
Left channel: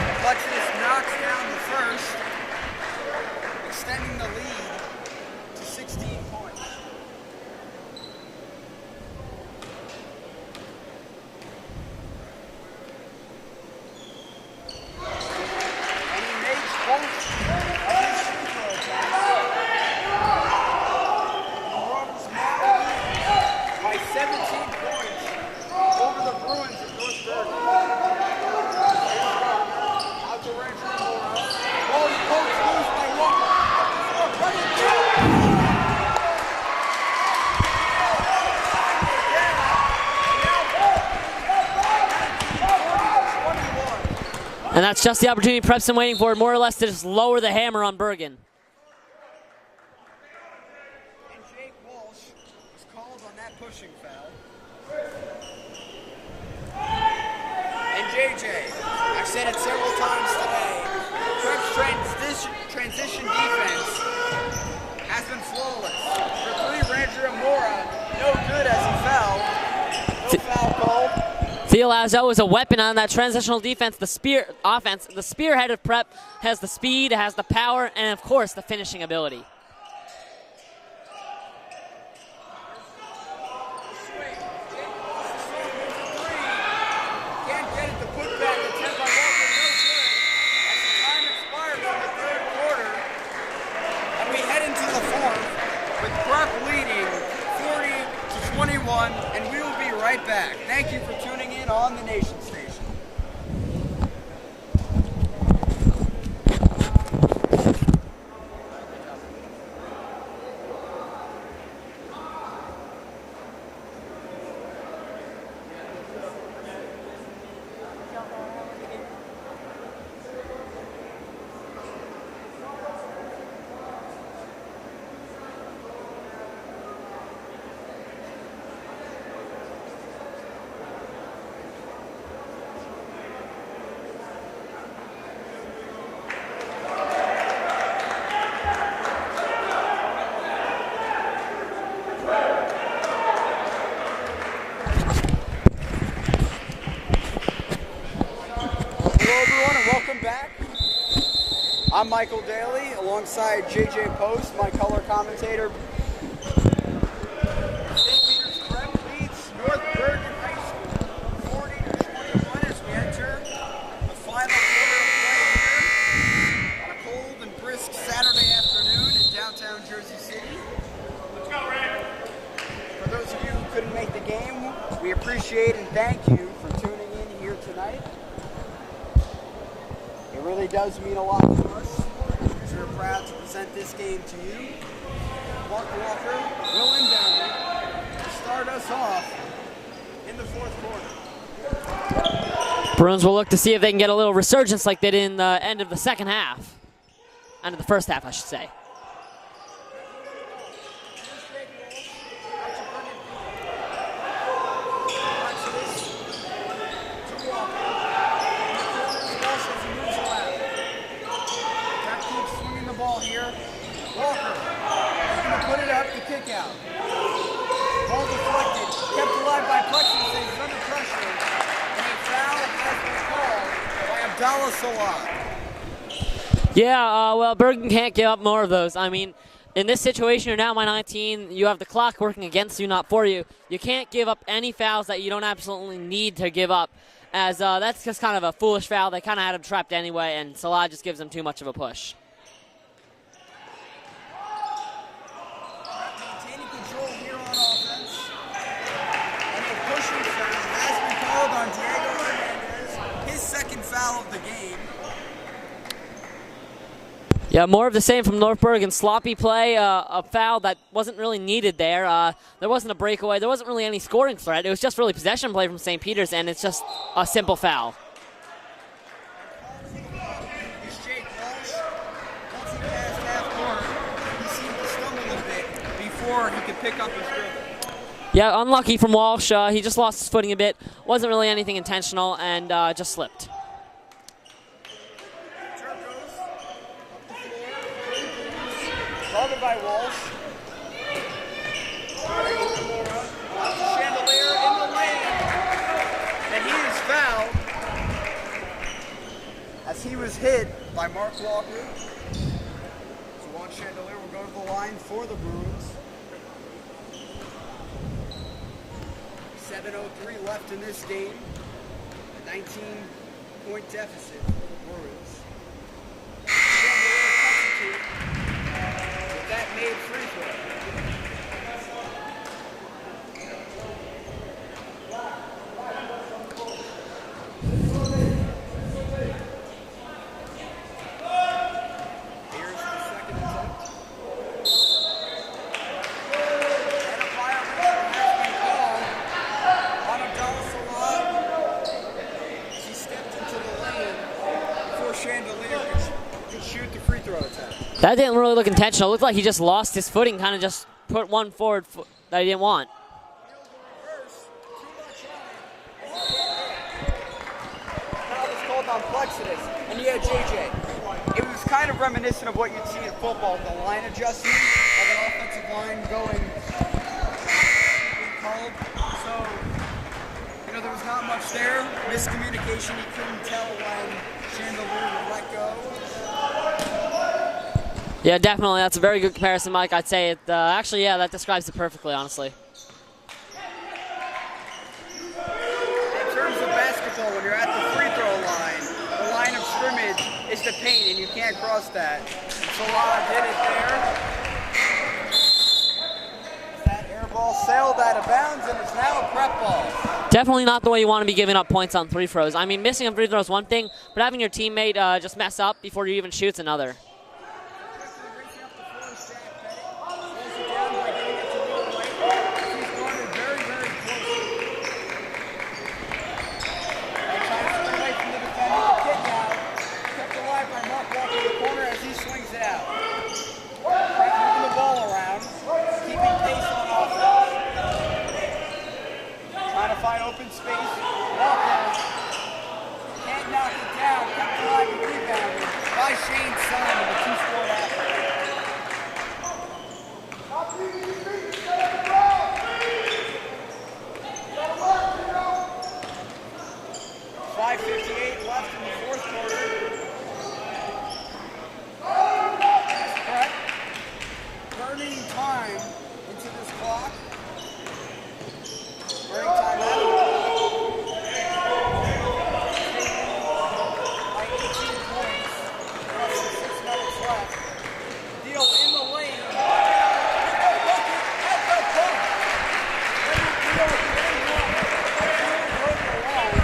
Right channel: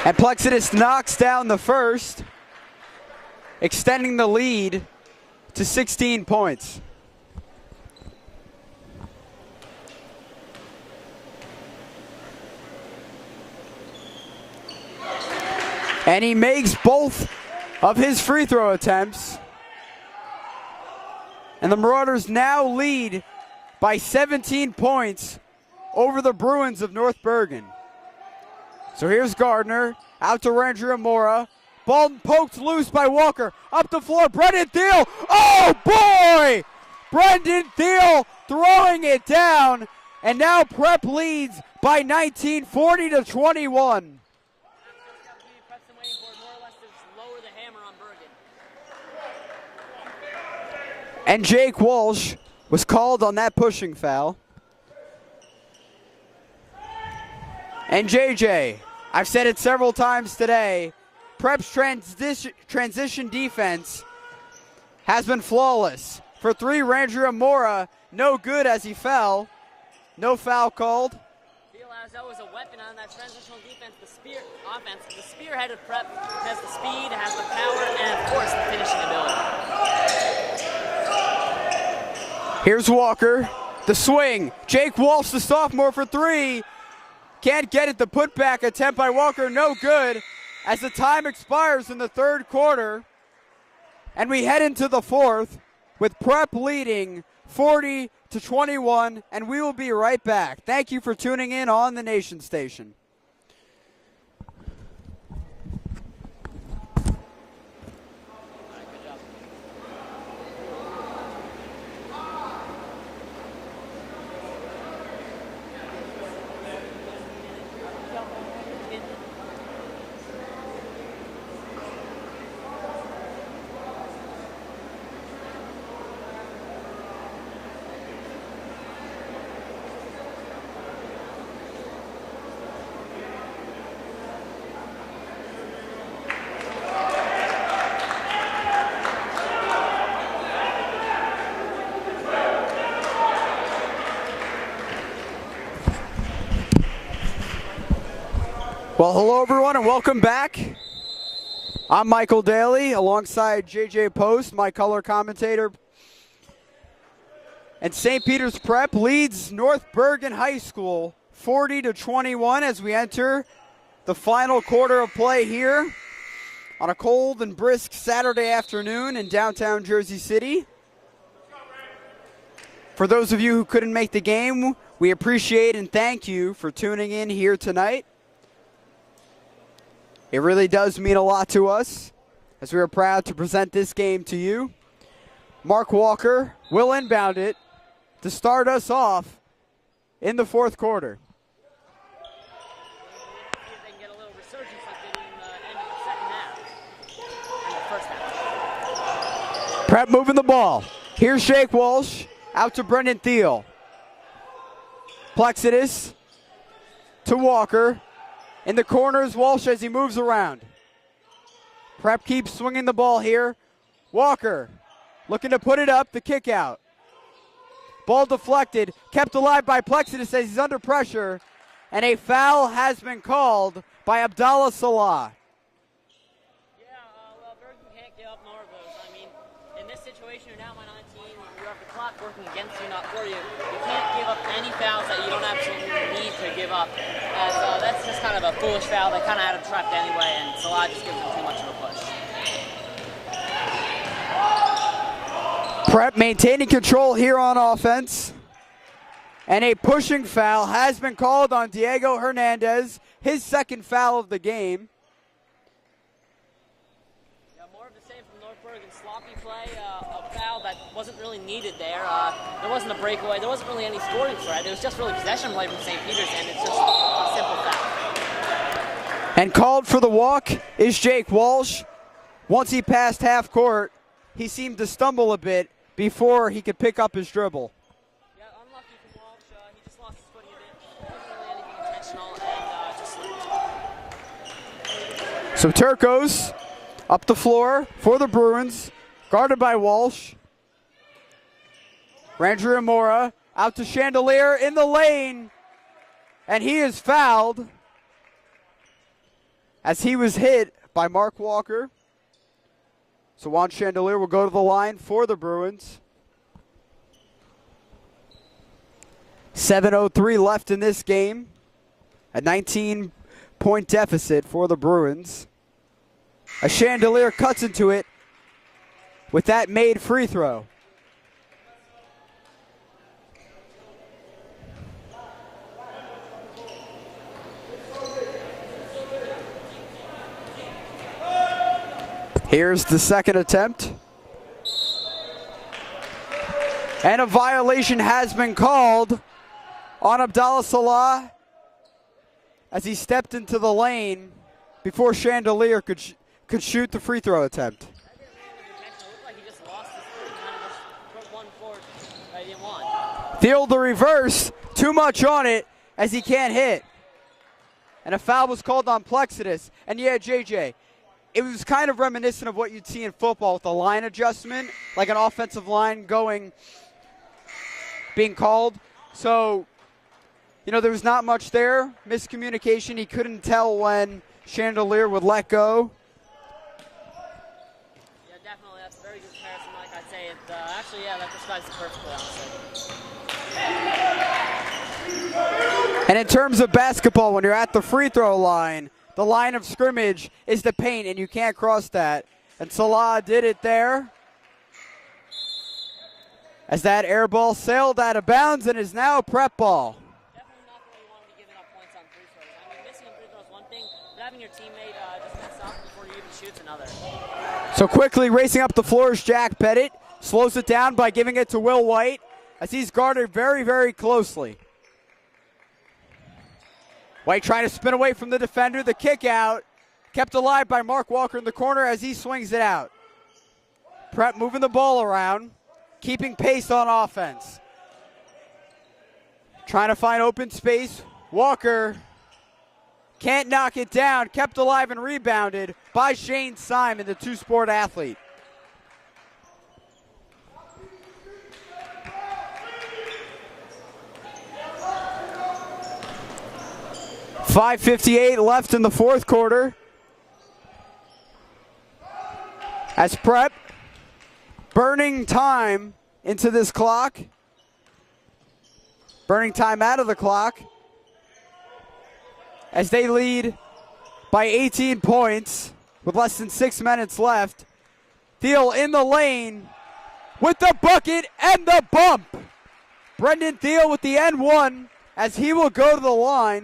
And Plexidus knocks down the first, extending the lead to 16 points. And he makes both of his free throw attempts. And the Marauders now lead by 17 points over the Bruins of North Bergen. So here's Gardner, out to Ranger Mora. Ball poked loose by Walker. Up the floor, Brendan Thiel. Oh boy! Brendan Thiel throwing it down. And now Prep leads by 19, 40-21. And that's just the opportunity Prep's been waiting for, more or less to just lower the hammer on Bergen. And Jake Walsh was called on that pushing foul. And JJ, I've said it several times today, Prep's transition defense has been flawless. For three, Ranger Mora, no good as he fell. No foul called. Thiel, as always, a weapon on that transitional defense, the spear offense. The spearhead of Prep has the speed, has the power, and of course the finishing ability. Here's Walker, the swing. Jake Walsh, the sophomore, for three. Can't get it. The putback attempt by Walker, no good. As the time expires in the third quarter, and we head into the fourth with Prep leading 40-21, and we will be right back. Thank you for tuning in on the Nation Station. Well, hello everyone and welcome back. I'm Michael Daly alongside JJ Post, my color commentator. And St. Peter's Prep leads North Bergen High School 40-21 as we enter the final quarter of play here on a cold and brisk Saturday afternoon in downtown Jersey City. For those of you who couldn't make the game, we appreciate and thank you for tuning in here tonight. It really does mean a lot to us, as we are proud to present this game to you. Mark Walker will inbound it to start us off in the fourth quarter. Bruins will look to see if they can get a little resurgence like they did in the end of the second half. End of the first half, I should say. Prep moving the ball. Here's Jake Walsh. Out to Brendan Thiel. Plexidus to Walker. In the corners, Walsh as he moves around. Prep keeps swinging the ball here. Walker looking to put it up, the kick out. Ball deflected, kept alive by Plexidus as he's under pressure, and a foul has been called by Abdallah Salah. Yeah, well, Bergen can't give up more of those. I mean, in this situation, you're down by 19. You have the clock working against you, not for you. You can't give up any fouls that you don't absolutely need to give up, as that's just kind of a foolish foul. They kind of had him trapped anyway, and Salah just gives him too much of a push. Prep maintaining control here on offense. And a pushing foul has been called on Diego Hernandez, his second foul of the game. Yeah, more of the same from North Bergen. Sloppy play, a foul that wasn't really needed there. There wasn't a breakaway. There wasn't really any scoring threat. It was just really possession play from St. Peter's, and it's just a simple foul. And called for the walk is Jake Walsh. Once he passed half court, he seemed to stumble a bit before he could pick up his dribble. Yeah, unlucky from Walsh. He just lost his footing a bit. Wasn't really anything intentional, and just slipped. So Turcos up the floor for the Bruins, guarded by Walsh. Ranger Amora out to Chandelier in the lane, and he is fouled as he was hit by Mark Walker. So Juan Chandelier will go to the line for the Bruins. 7:03 left in this game. A 19-point deficit for the Bruins. A Chandelier cuts into it with that made free throw. Here's the second attempt. And a violation has been called on Abdallah Salah as he stepped into the lane before Chandelier could shoot the free throw attempt. That didn't really look intentional. It looked like he just lost his footing, kind of just put one forward that he didn't want. Thiel the reverse, too much on it as he can't hit. And a foul was called on Plexidus. And yeah, JJ, it was kind of reminiscent of what you'd see in football with the line adjustment, like an offensive line being called. So, you know, there was not much there. Miscommunication, he couldn't tell when Chandelier would let go. Yeah, definitely. That's a very good comparison, Mike. I'd say it. Actually, yeah, that describes it perfectly, honestly. And in terms of basketball, when you're at the free throw line, the line of scrimmage is the paint, and you can't cross that. And Salah did it there, as that air ball sailed out of bounds and is now a prep ball. Definitely not the way you want to be giving up points on free throws. I mean, missing a free throw is one thing, but having your teammate just mess up before you even shoot's another. So quickly racing up the floor is Jack Pettit. Slows it down by giving it to Will White as he's guarded very, very closely. White trying to spin away from the defender. The kick out kept alive by Mark Walker in the corner as he swings it out. Prep moving the ball around, keeping pace on offense. Trying to find open space. Walker can't knock it down. Kept alive and rebounded by Shane Simon, the two-sport athlete. .558 left in the fourth quarter. As Prep burning time into this clock. Burning time out of the clock as they lead by 18 points with less than 6 minutes left. Thiel in the lane with the bucket and the bump. Brendan Thiel with the N1 as he will go to the line.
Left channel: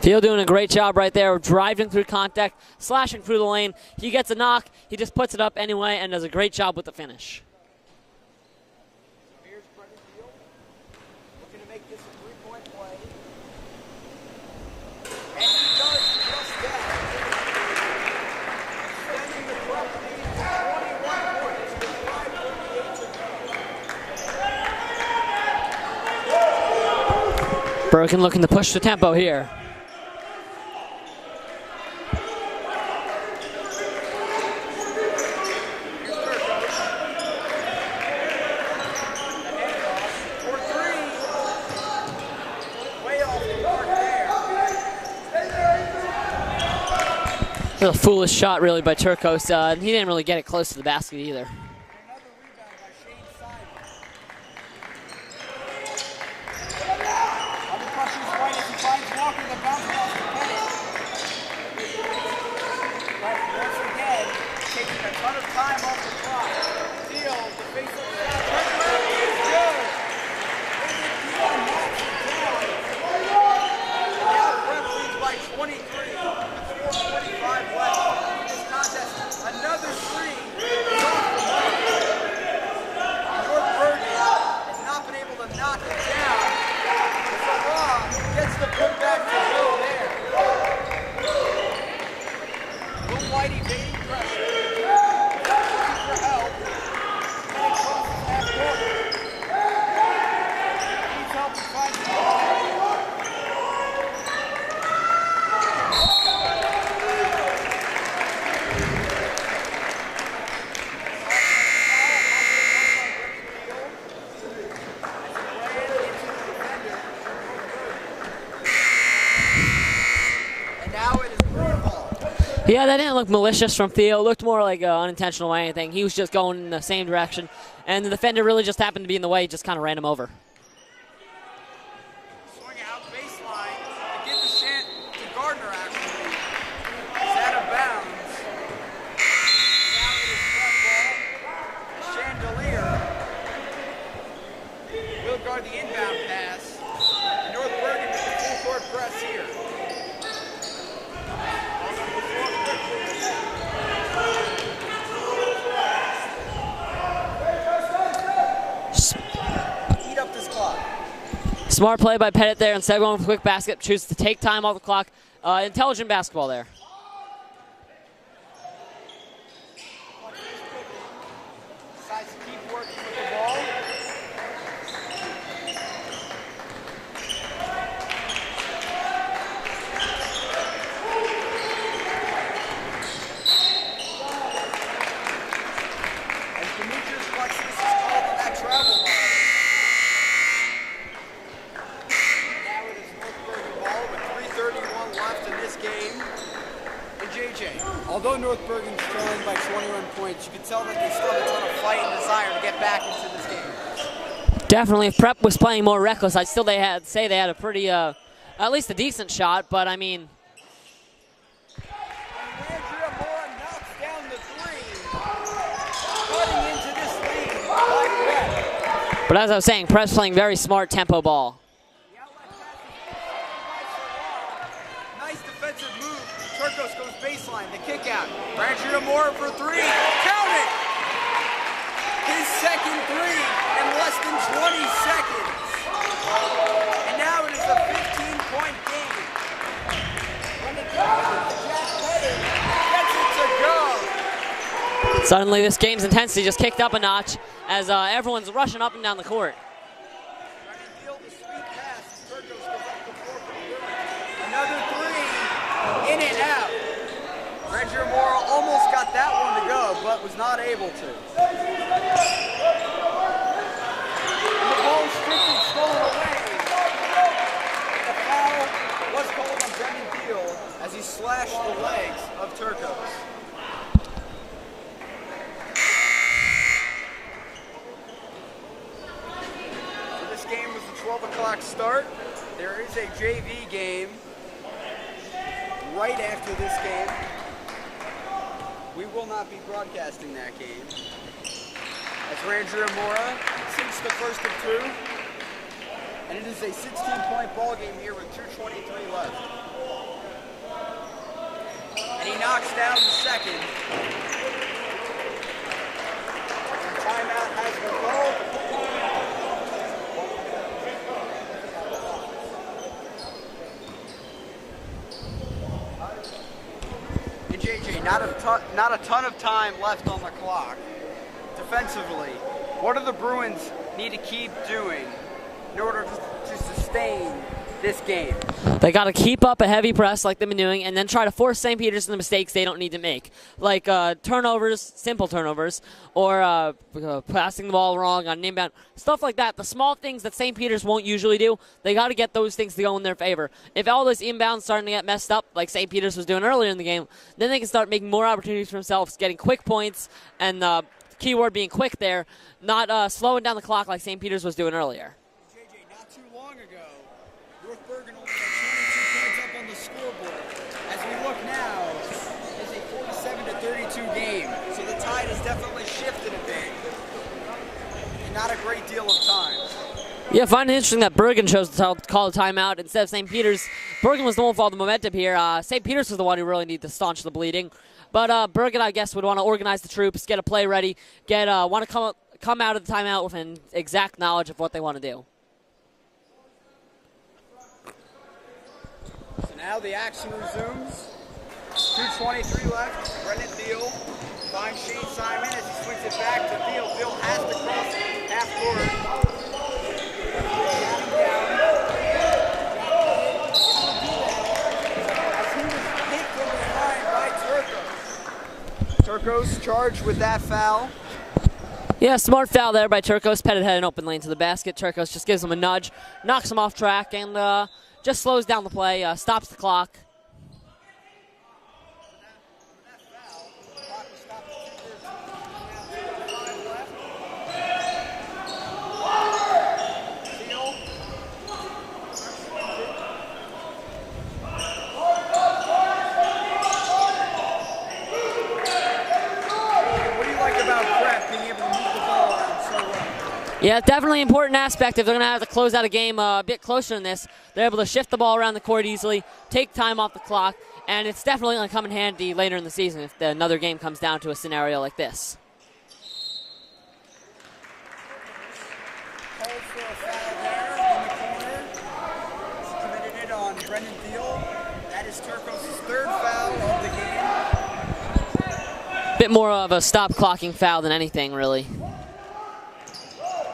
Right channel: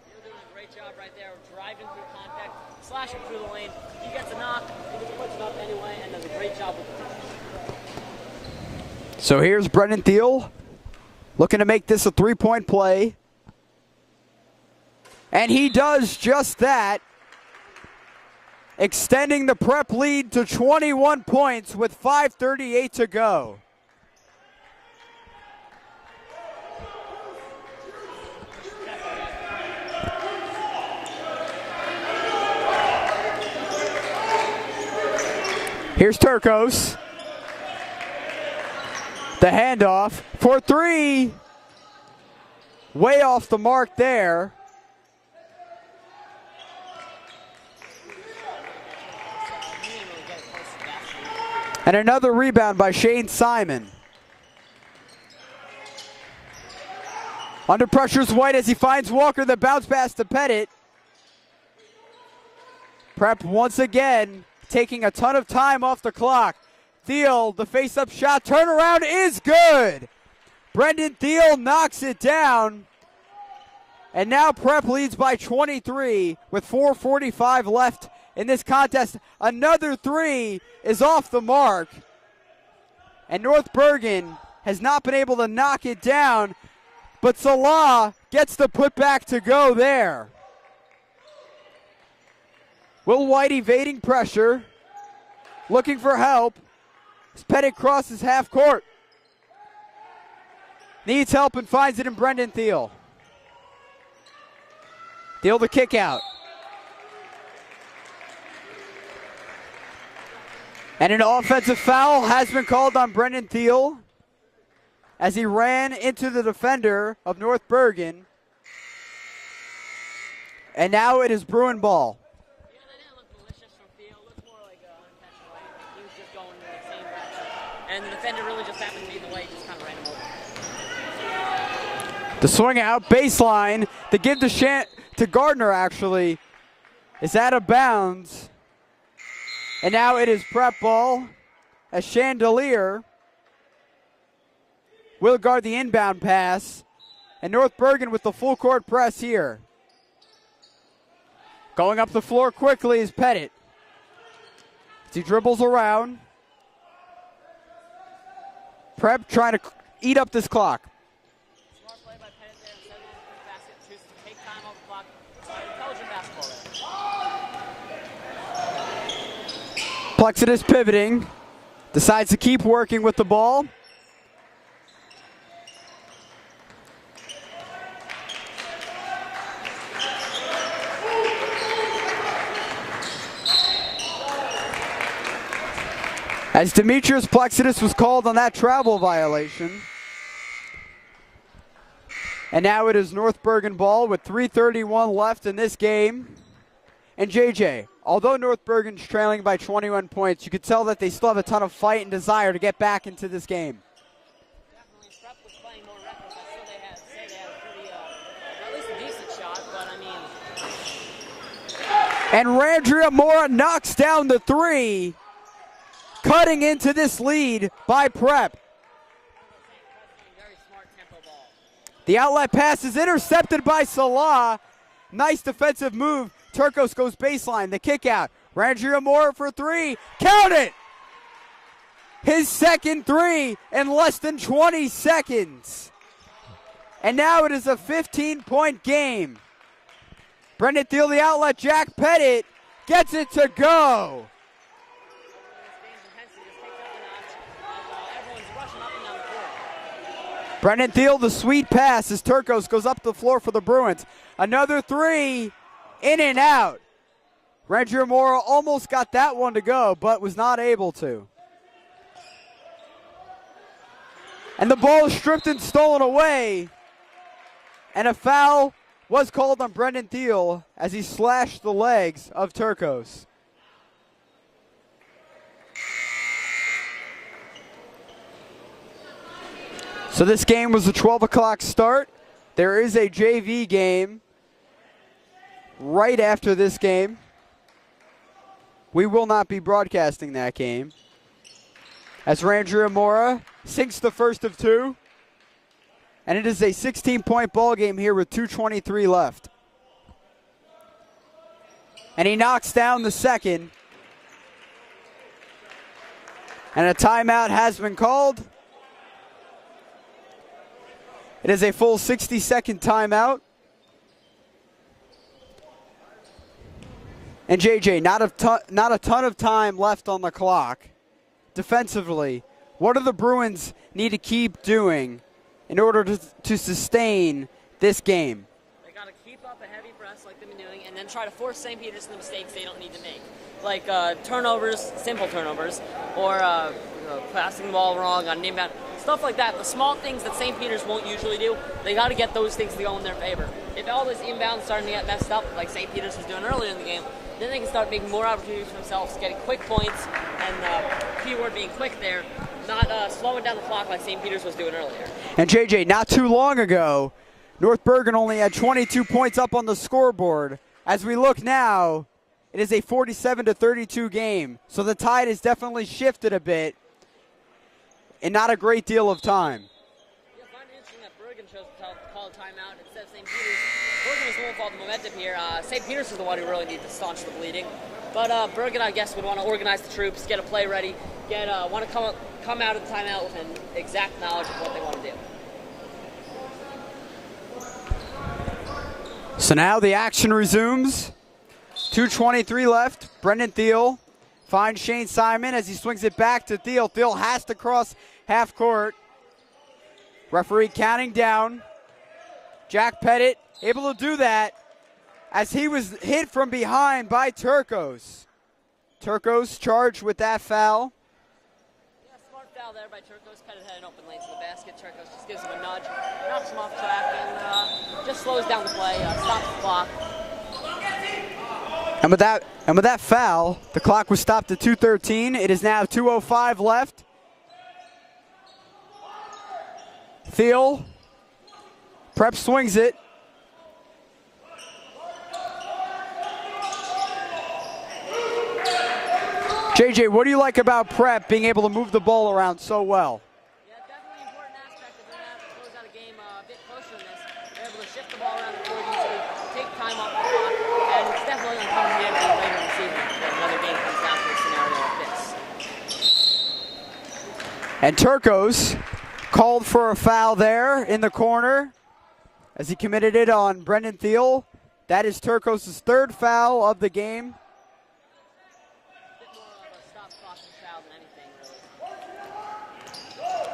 Thiel doing a great job right there, driving through contact, slashing through the lane. He gets a knock, he just puts it up anyway and does a great job with the finish. So here's Brendan Thiel looking to make this a three-point play. And he does just that. extending the Prep lead to 21 points with 5:38 to go. Bergen looking to push the tempo here. Here's Turcos. The handoff for three. Way off the mark there. It was a foolish shot really by Turcos. He didn't really get it close to the basket either. And another rebound by Shane Simon. Under pressure is White as he finds Walker, the bounce pass to Pettit. Prep once again taking a ton of time off the clock. Thiel, the face-up shot, turnaround is good. Brendan Thiel knocks it down. And now Prep leads by 23 with 4:45 left in this contest. Another three is off the mark. And North Bergen has not been able to knock it down, but Salah gets the putback to go there. Will White evading pressure, looking for help. Pettit crosses half court. Needs help and finds it in Brendan Thiel. Thiel the kick out. And an offensive foul has been called on Brendan Thiel as he ran into the defender of North Bergen. And now it is Bruin ball. Yeah, that didn't look malicious from Thiel. It looked more like unintentional or anything. He was just going in the same direction, and the defender really just happened to be in the way. He just kind of ran him over. The swing out, baseline, the give to Gardner actually is out of bounds. And now it is Prep ball as Chandelier will guard the inbound pass. And North Bergen with the full court press here. Going up the floor quickly is Pettit. He dribbles around. Prep trying to eat up this clock. Smart play by Pettit there. Instead of going for a quick basket, chooses to take time off the clock. Intelligent basketball there. Plexidus pivoting. Decides to keep working with the ball. As Demetrius Plexidus was called on that travel violation. And now it is North Bergen ball with 3:31 left in this game. And JJ, although North Bergen's trailing by 21 points, you could tell that they still have a ton of fight and desire to get back into this game. Definitely, if Prep was playing more reckless, I'd still say they had a pretty, at least a decent shot, but I mean. And Randria Mora knocks down the three, cutting into this lead by Prep. But as I was saying, Prep's playing very smart tempo ball. The outlet pass is intercepted by Salah. Nice defensive move. Turcos goes baseline, the kick out. Randria Mora for three, count it! His second three in less than 20 seconds. And now it is a 15-point game. Brendan Thiel, the outlet, Jack Pettit gets it to go. Suddenly this game's intensity just kicked up a notch as everyone's rushing up and down the court. Brendan Thiel, the sweet pass as Turcos goes up the floor for the Bruins. Another three, in and out. Randria Mora almost got that one to go, but was not able to. And the ball is stripped and stolen away. And a foul was called on Brendan Thiel as he slashed the legs of Turcos. So this game was a 12 o'clock start. There is a JV game right after this game. We will not be broadcasting that game. As Randria Mora sinks the first of two. And it is a 16-point ball game here with 2:23 left. And he knocks down the second. And a timeout has been called. It is a full 60-second timeout. And JJ, not a ton of time left on the clock. Defensively, what do the Bruins need to keep doing in order to sustain this game? They got to keep up a heavy press like they've been doing, and then try to force St. Peter's into mistakes they don't need to make, like turnovers, simple turnovers, or passing the ball wrong on inbound, stuff like that. The small things that St. Peter's won't usually do, they got to get those things to go in their favor. If all those inbounds starting to get messed up, like St. Peter's was doing earlier in the game, then they can start making more opportunities for themselves, getting quick points, and the key word being quick there, not slowing down the clock like St. Peter's was doing earlier. And JJ, not too long ago, North Bergen only had 22 points up on the scoreboard. As we look now, it is a 47-32 game. So the tide has definitely shifted a bit in not a great deal of time. Yeah, I find it interesting that Bergen chose to call a timeout instead of St. Peter's. Bergen was the one with all the momentum here. St. Peter's was the one who really needed to staunch the bleeding. But Bergen, I guess, would want to organize the troops, get a play ready, want to come out of the timeout with an exact knowledge of what they want to do. So now the action resumes. 2:23 left. Brendan Thiel finds Shane Simon as he swings it back to Thiel. Thiel has to cross half court. Referee counting down. Jack Pettit able to do that as he was hit from behind by Turcos. Turcos charged with that foul. Yeah, smart foul there by Turcos. Pettit had an open lane to the basket. Turcos just gives him a nudge, knocks him off track, and just slows down the play, stops the clock. And with that foul, the clock was stopped at 2:13. It is now 2:05 left. Thiel, Prep swings it. JJ, what do you like about Prep being able to move the ball around so well? Yeah, definitely an important aspect. If they're going to have to close out a game a bit closer than this, they're able to shift the ball around the court easily, take time off the clock, and it's definitely going to come in handy later in the season if another game comes down to a scenario like this. And Turcos called for a foul there in the corner as he committed it on Brendan Thiel. That is Turcos' third foul of the game. Bit more of a stop clocking foul than anything, really.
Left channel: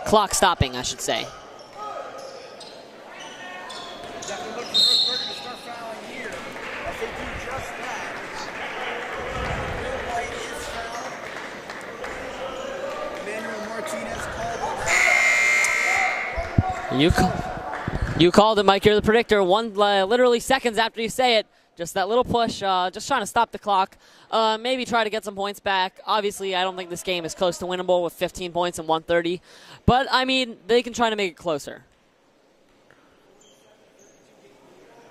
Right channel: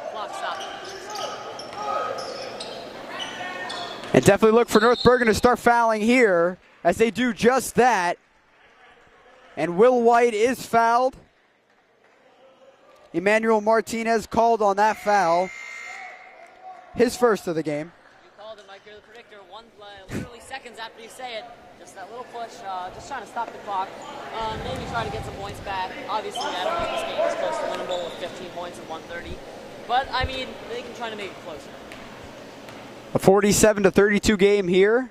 Clock stopping, I should say. And definitely look for North Bergen to start fouling here as they do just that. And Will White is fouled. Emmanuel Martinez called on that foul. His first of the game. You called it, Mike. You're the predictor. Literally seconds after you say it, just that little push, just trying to stop the clock. Maybe try to get some points back. Obviously, I don't think this game is close to winnable with 15 points and 130. But, I mean, they can try to make it closer. A 47-32 game here.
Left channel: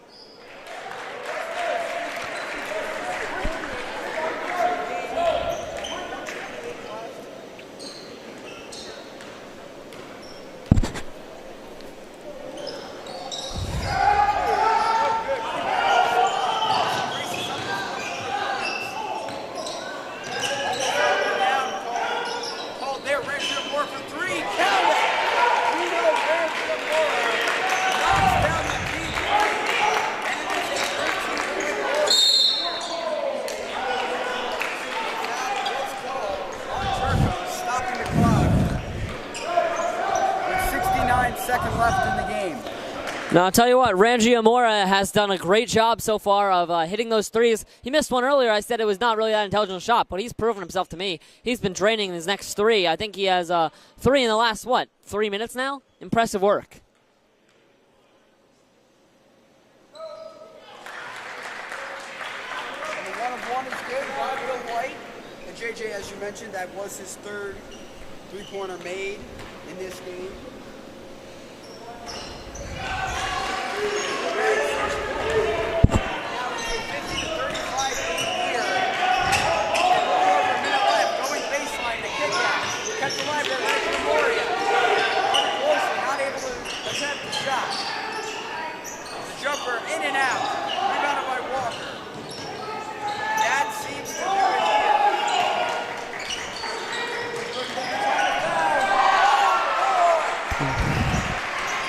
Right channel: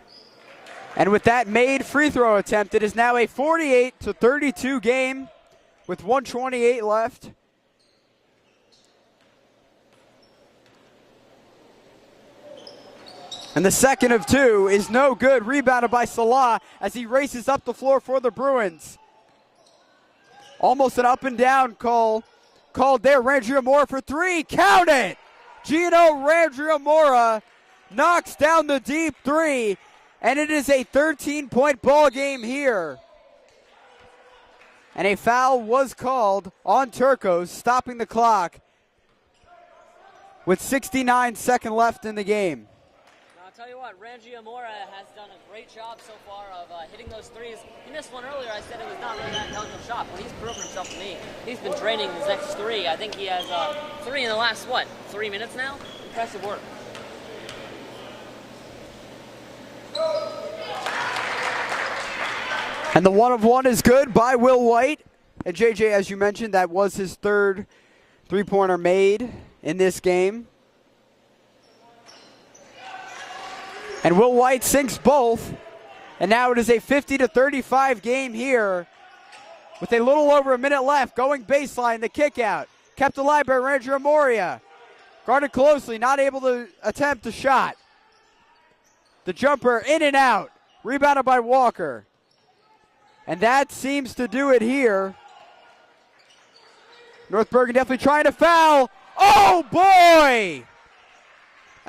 And with that made free throw attempt, it is now a 48-32 game with 1:28 left. And the second of two is no good. Rebounded by Salah as he races up the floor for the Bruins. Almost an up and down call. Called there. Rangiamora for three. Counting! Gino Rangiamora knocks down the deep three. And it is a 13-point ball game here. And a foul was called on Turcos, stopping the clock with 69 seconds left in the game. Now, I'll tell you what, Rangiamora has done a great job so far of hitting those threes. He missed one earlier. I said it was not really that intelligent shot, but he's proven himself to me. He's been draining his next three. I think he has three in the last, 3 minutes now? Impressive work. And the 1-of-1 is good by Will White. And JJ, as you mentioned, that was his third three-pointer made in this game. And Will White sinks both. And now it is a 50-35 game here with a little over a minute left. Going baseline, the kick out. Kept alive by Rangiamora. Guarded closely, not able to attempt the shot. The jumper in and out. Rebounded by Walker. And that seems to do it here. North Bergen definitely trying to foul. Oh boy!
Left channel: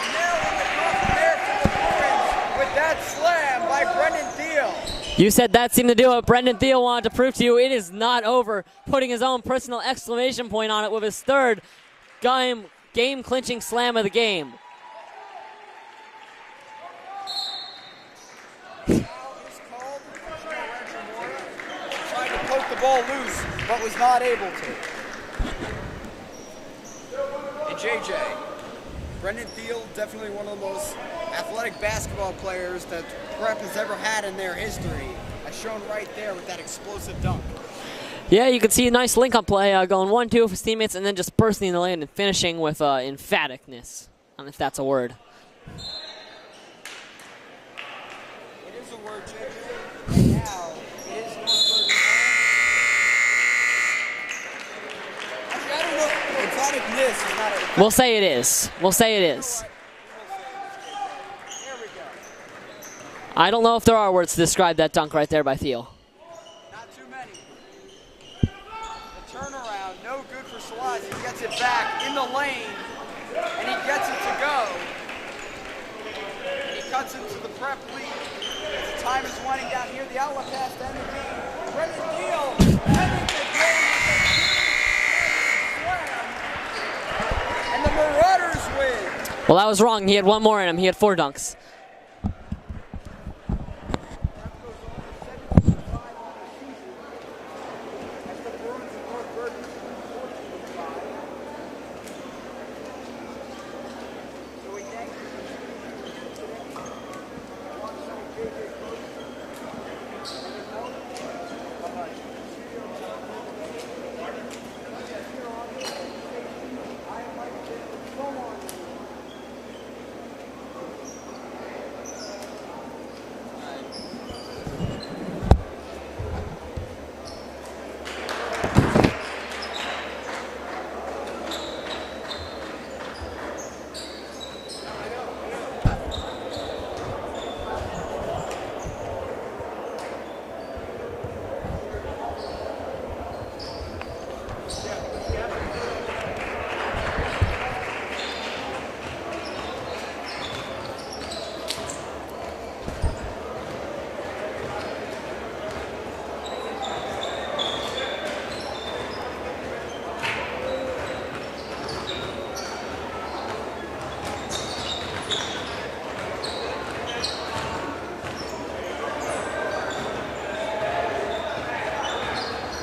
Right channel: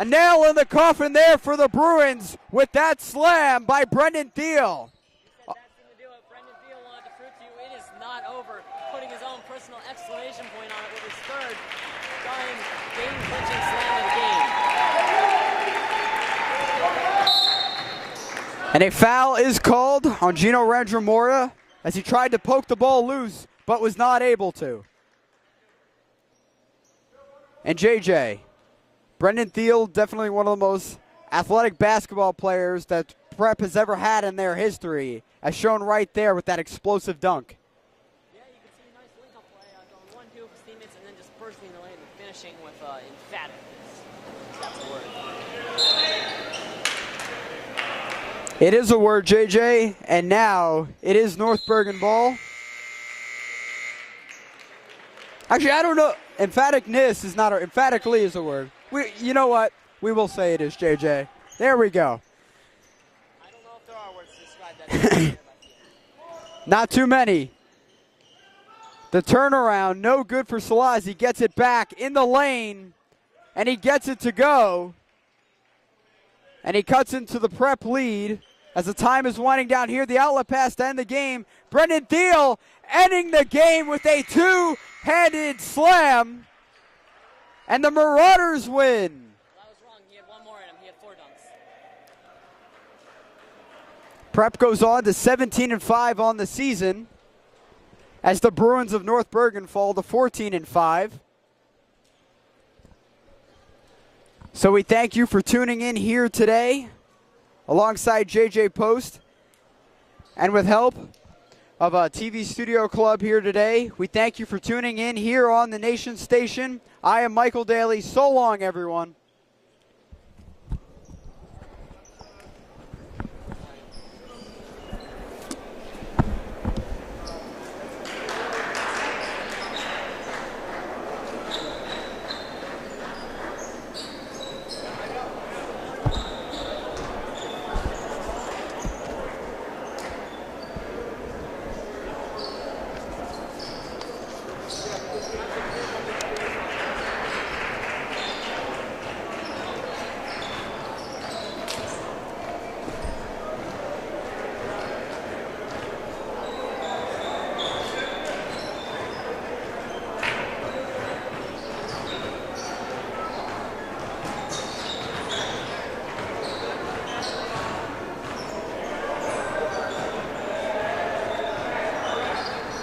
A nail in the coffin there for the Bruins with that slam by Brendan Thiel. You said that seemed to do it. Brendan Thiel wanted to prove to you it is not over, putting his own personal exclamation point on it with his third game-clinching slam of the game. And a foul is called on Gino Randramora as he tried to pump the ball loose, but was not able to. And JJ, Brendan Thiel, definitely one of the most athletic basketball players that Prep has ever had in their history, as shown right there with that explosive dunk. Yeah, you can see a nice link-up play going 1-2 with his teammates and then just bursting in the lane and finishing with emphaticness, if that's a word. It is a word, JJ, and now it is North Bergen ball. Actually, I don't know. Emphaticness is not a word. We'll say it is. We'll say it is. You know what? We will say it is, JJ. There we go. I don't know if there are words to describe that dunk right there by Thiel. Not too many. The turnaround, no good for Salaz. He gets it back in the lane, and he gets it to go. And he cuts into the Prep lead as the time is winding down here. The outlet pass to end the game. Brendan Thiel ending the game with a two-handed slam. And the Marauders win. Well, I was wrong. He had one more in him. He had 4 dunks. Prep goes on to 17-5 on the season as the Bruins of North Bergen fall to 14-5. So we thank you for tuning in here today alongside JJ Post and with help of a TV Studio Club here today. We thank you for tuning in here on the Nation Station. I am Michael Daly. So long, everyone.